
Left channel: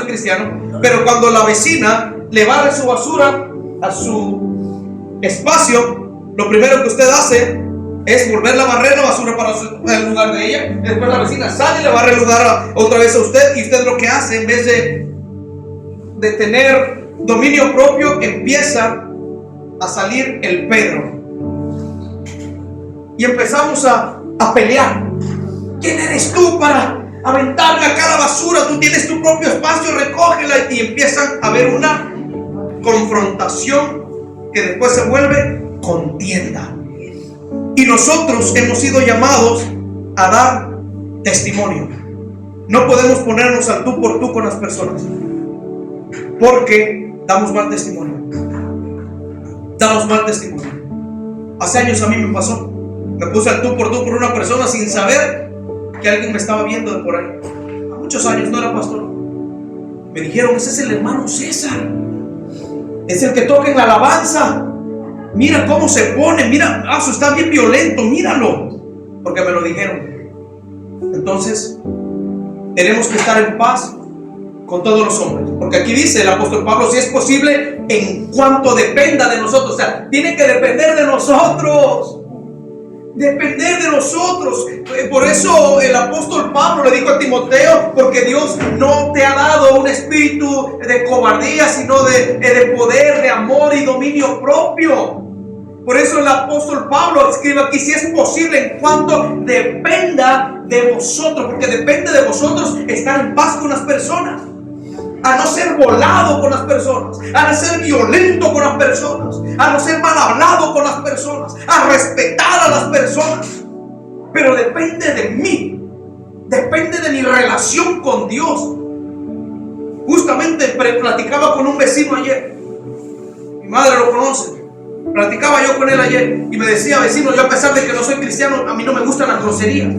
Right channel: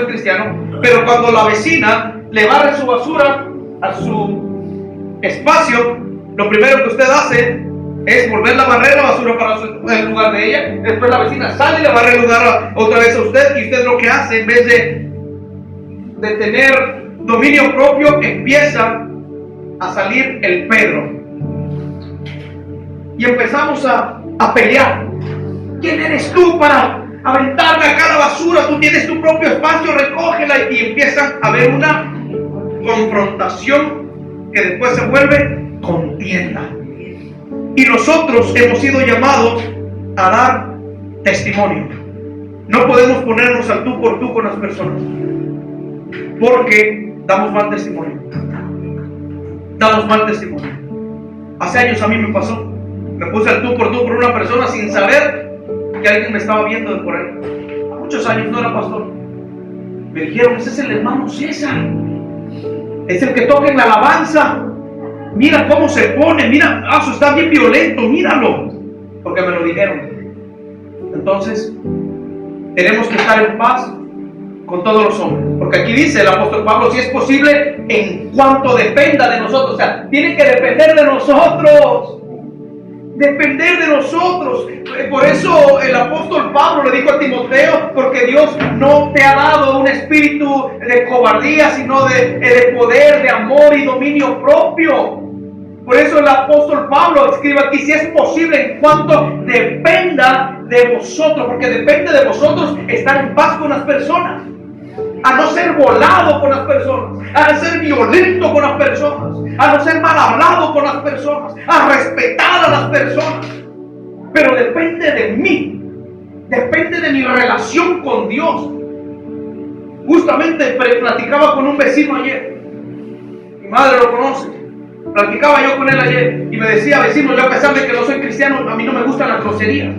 pero cuando la vecina le barre su basura a su espacio, lo primero que usted hace es volverla a barrer la basura para el lugar de ella. Después la vecina sale y le barre el lugar otra vez a usted, y usted lo que hace, en vez de de tener dominio propio, empieza a salir el Pedro. Y empezamos a pelear. ¿Quién eres tú para aventarme a cada basura? Tú tienes tu propio espacio, recógela. Y empiezan a haber una confrontación que después se vuelve contienda. Y nosotros hemos sido llamados a dar testimonio. No podemos ponernos al tú por tú con las personas, porque damos mal testimonio. Damos mal testimonio. Hace años a mí me pasó. Me puse al tú por una persona sin saber que alguien me estaba viendo de por ahí. A muchos años, no era pastor. Me dijeron, ese es el hermano César. Es el que toca en la alabanza. Mira cómo se pone. Mira, eso está bien violento. Míralo. Porque me lo dijeron. Entonces, tenemos que estar en paz con todos los hombres. Porque aquí dice el apóstol Pablo, si es posible, en cuanto dependa de nosotros. O sea, tiene que depender de nosotros. Depender de nosotros. Por eso el apóstol Pablo le dijo a Timoteo, porque Dios no te ha dado un espíritu de cobardía, sino de poder, de amor y dominio propio. Por eso el apóstol Pablo escribe aquí, si es posible, en cuanto dependa de vosotros, porque depende de vosotros estar en paz con las personas, a no ser volado con las personas, a no ser violento con las personas, a no ser mal hablado con las personas, a respetar a las personas. Pero depende de mí, depende de mi relación con Dios. Justamente platicaba con un vecino ayer, mi madre lo conoce. Platicaba yo con él ayer y me decía, vecino, yo a pesar de que no soy cristiano, a mí no me gustan las groserías.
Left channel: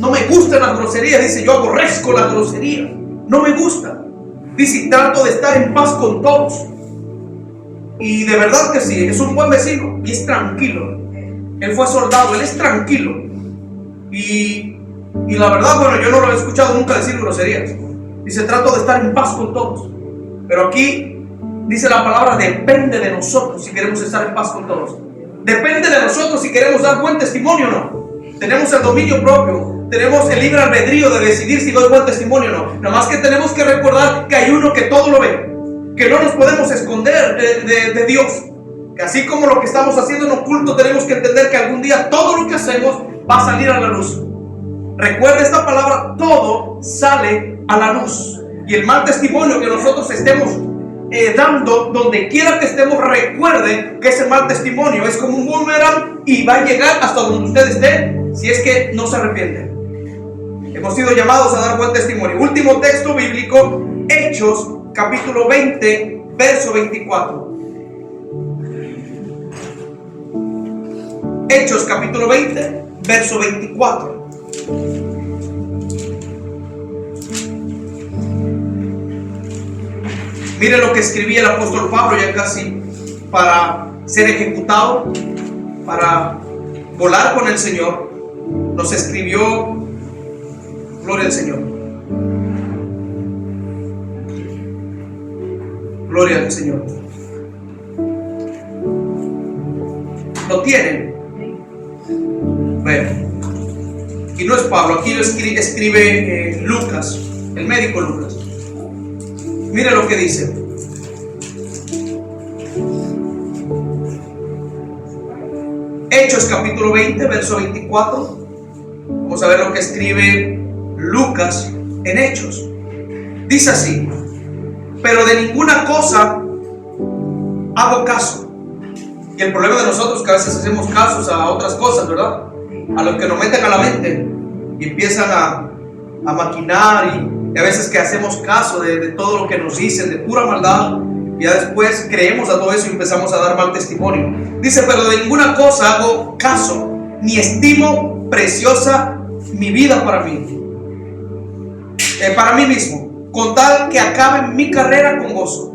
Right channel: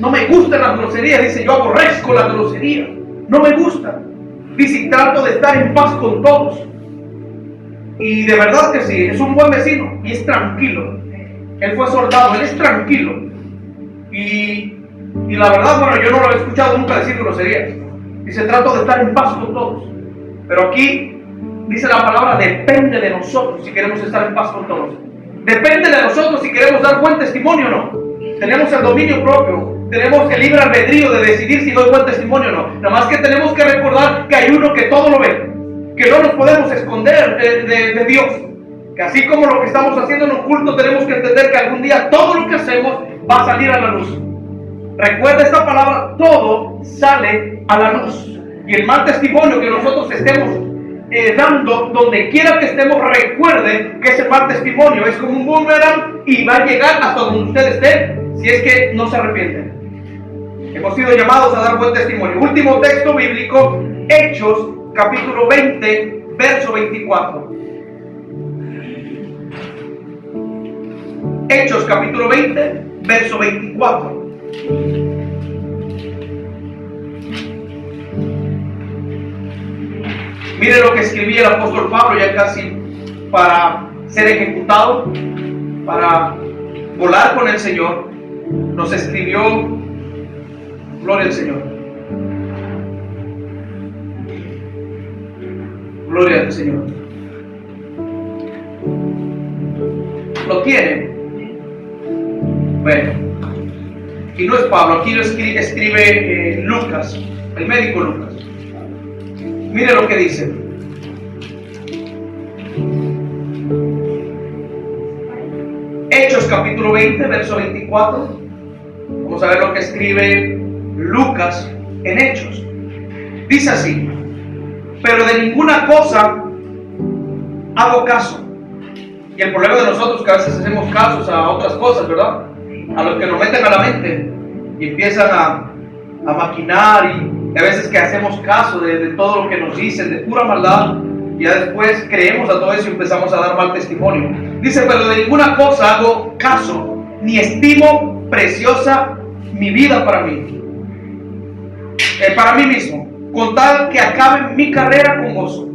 No me gustan las groserías. Dice, yo aborrezco las groserías. No me gustan. Dice, y trato de estar en paz con todos. Y de verdad que sí, es un buen vecino y es tranquilo. Él fue soldado, él es tranquilo. Y la verdad, bueno, yo no lo he escuchado nunca decir groserías. Dice, trato de estar en paz con todos. Pero aquí dice la palabra, depende de nosotros si queremos estar en paz con todos. Depende de nosotros si queremos dar buen testimonio o no. Tenemos el dominio propio, tenemos el libre albedrío de decidir si doy buen testimonio o no. Nada más que tenemos que recordar que hay uno que todo lo ve, que no nos podemos esconder de Dios. Que así como lo que estamos haciendo en oculto, tenemos que entender que algún día todo lo que hacemos va a salir a la luz. Recuerda esta palabra, todo sale a la luz. Y el mal testimonio que nosotros estemos dando, donde quiera que estemos, recuerden que ese mal testimonio es como un boomerang y va a llegar hasta donde usted esté, si es que no se arrepienten. Hemos sido llamados a dar buen testimonio. Último texto bíblico, Hechos capítulo 20 verso 24. Hechos capítulo 20 verso 24. Mire lo que escribía el apóstol Pablo ya casi para ser ejecutado, para volar con el Señor. Nos escribió, gloria al Señor, gloria al Señor. ¿Lo tienen? Bueno, y no es Pablo, aquí lo escribe Lucas, el médico Lucas. Mire lo que dice. Hechos capítulo 20, verso 24. Vamos a ver lo que escribe Lucas en Hechos. Dice así: pero de ninguna cosa hago caso. Y el problema de nosotros es que a veces hacemos casos a otras cosas, ¿verdad? A los que nos meten a la mente y empiezan a maquinar, y a veces que hacemos caso de todo lo que nos dicen, de pura maldad, y ya después creemos a todo eso y empezamos a dar mal testimonio. Dice, pero de ninguna cosa hago caso, ni estimo preciosa mi vida para mí mismo, con tal que acabe mi carrera con gozo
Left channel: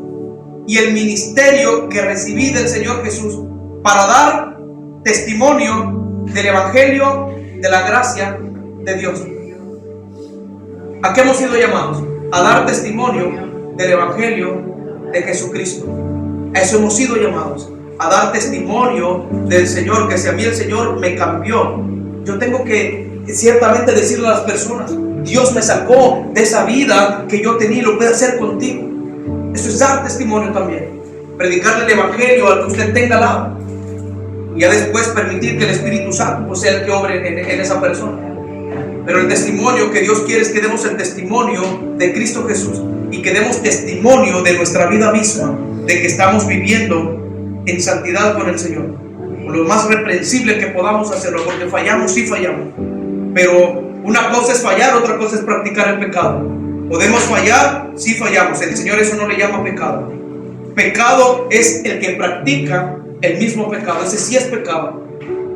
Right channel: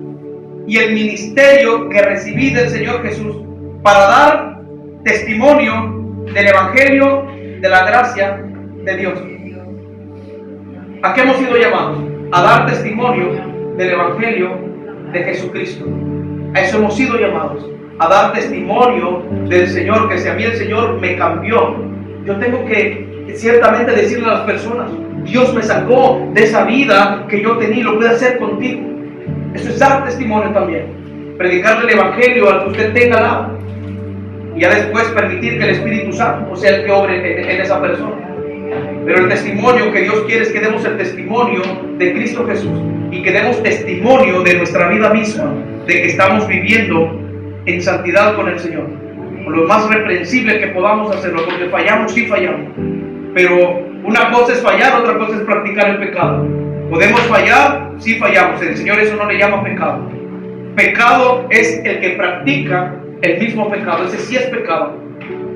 y el ministerio que recibí del Señor Jesús, para dar testimonio del evangelio de la gracia de Dios. ¿A qué hemos sido llamados? A dar testimonio del evangelio de Jesucristo. A eso hemos sido llamados, a dar testimonio del Señor, que si a mí el Señor me cambió, yo tengo que ciertamente decirle a las personas, Dios me sacó de esa vida que yo tenía y lo puede hacer contigo. Eso es dar testimonio también. Predicarle el evangelio al que usted tenga al lado. Y ya después permitir que el Espíritu Santo sea el que obre en esa persona. Pero el testimonio que Dios quiere es que demos el testimonio de Cristo Jesús. Y que demos testimonio de nuestra vida misma. De que estamos viviendo en santidad con el Señor. Con lo más reprensible que podamos hacerlo. Porque fallamos, sí fallamos. Pero una cosa es fallar, otra cosa es practicar el pecado. Podemos fallar, sí fallamos. El Señor eso no le llama pecado. Pecado es el que practica el mismo pecado. Ese sí es pecado.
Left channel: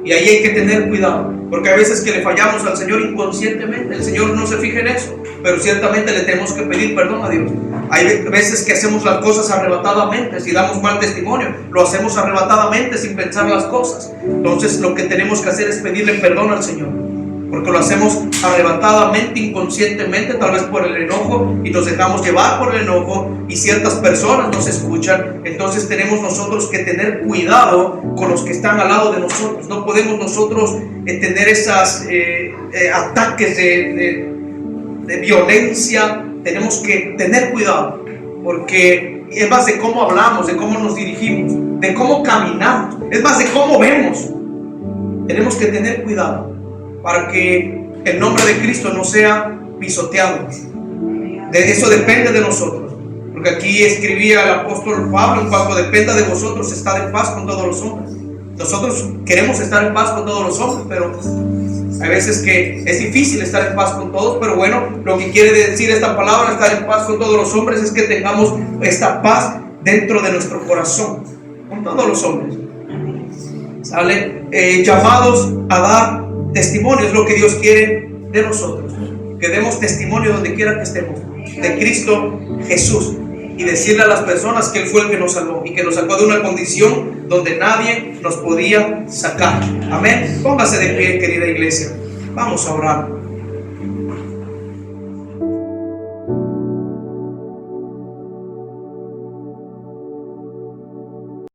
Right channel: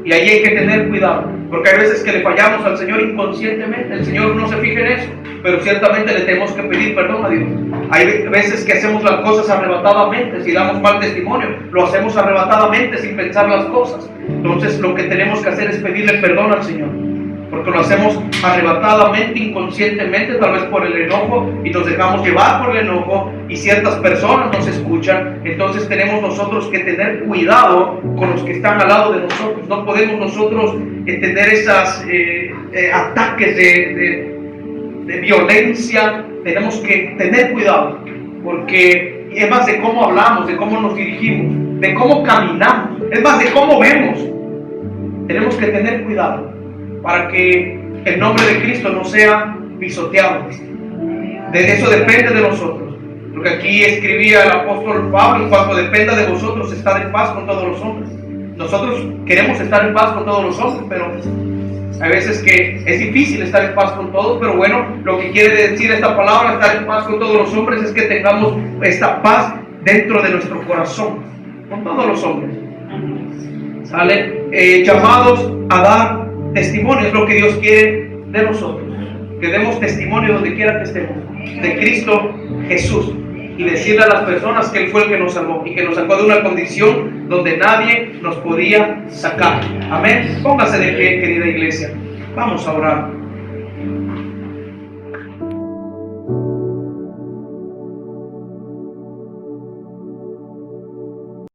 Y ahí hay que tener cuidado. Porque hay veces que le fallamos al Señor inconscientemente. El Señor no se fija en eso. Pero ciertamente le tenemos que pedir perdón a Dios. Hay veces que hacemos las cosas arrebatadamente. Si damos mal testimonio, lo hacemos arrebatadamente sin pensar las cosas. Entonces lo que tenemos que hacer es pedirle perdón al Señor. Porque lo hacemos arrebatadamente, inconscientemente, tal vez por el enojo, y nos dejamos llevar por el enojo, y ciertas personas nos escuchan. Entonces tenemos nosotros que tener cuidado con los que están al lado de nosotros. No podemos nosotros tener esos ataques de violencia. Tenemos que tener cuidado, porque es más de cómo hablamos, de cómo nos dirigimos, de cómo caminamos, es más de cómo vemos. Tenemos que tener cuidado para que el nombre de Cristo no sea pisoteado. De eso depende de nosotros. Porque aquí escribía el apóstol Pablo: en cuanto dependa de vosotros, estad en paz con todos los hombres. Nosotros queremos estar en paz con todos los hombres, pero hay veces que es difícil estar en paz con todos. Pero bueno, lo que quiere decir esta palabra, estar en paz con todos los hombres, es que tengamos esta paz dentro de nuestro corazón, con todos los hombres. ¿Sale? Llamados a dar testimonio, es lo que Dios quiere de nosotros, que demos testimonio donde quiera que estemos de Cristo Jesús, y decirle a las personas que Él fue el que nos salvó y que nos sacó de una condición donde nadie nos podía sacar. Amén. Póngase de pie, querida iglesia. Vamos a orar.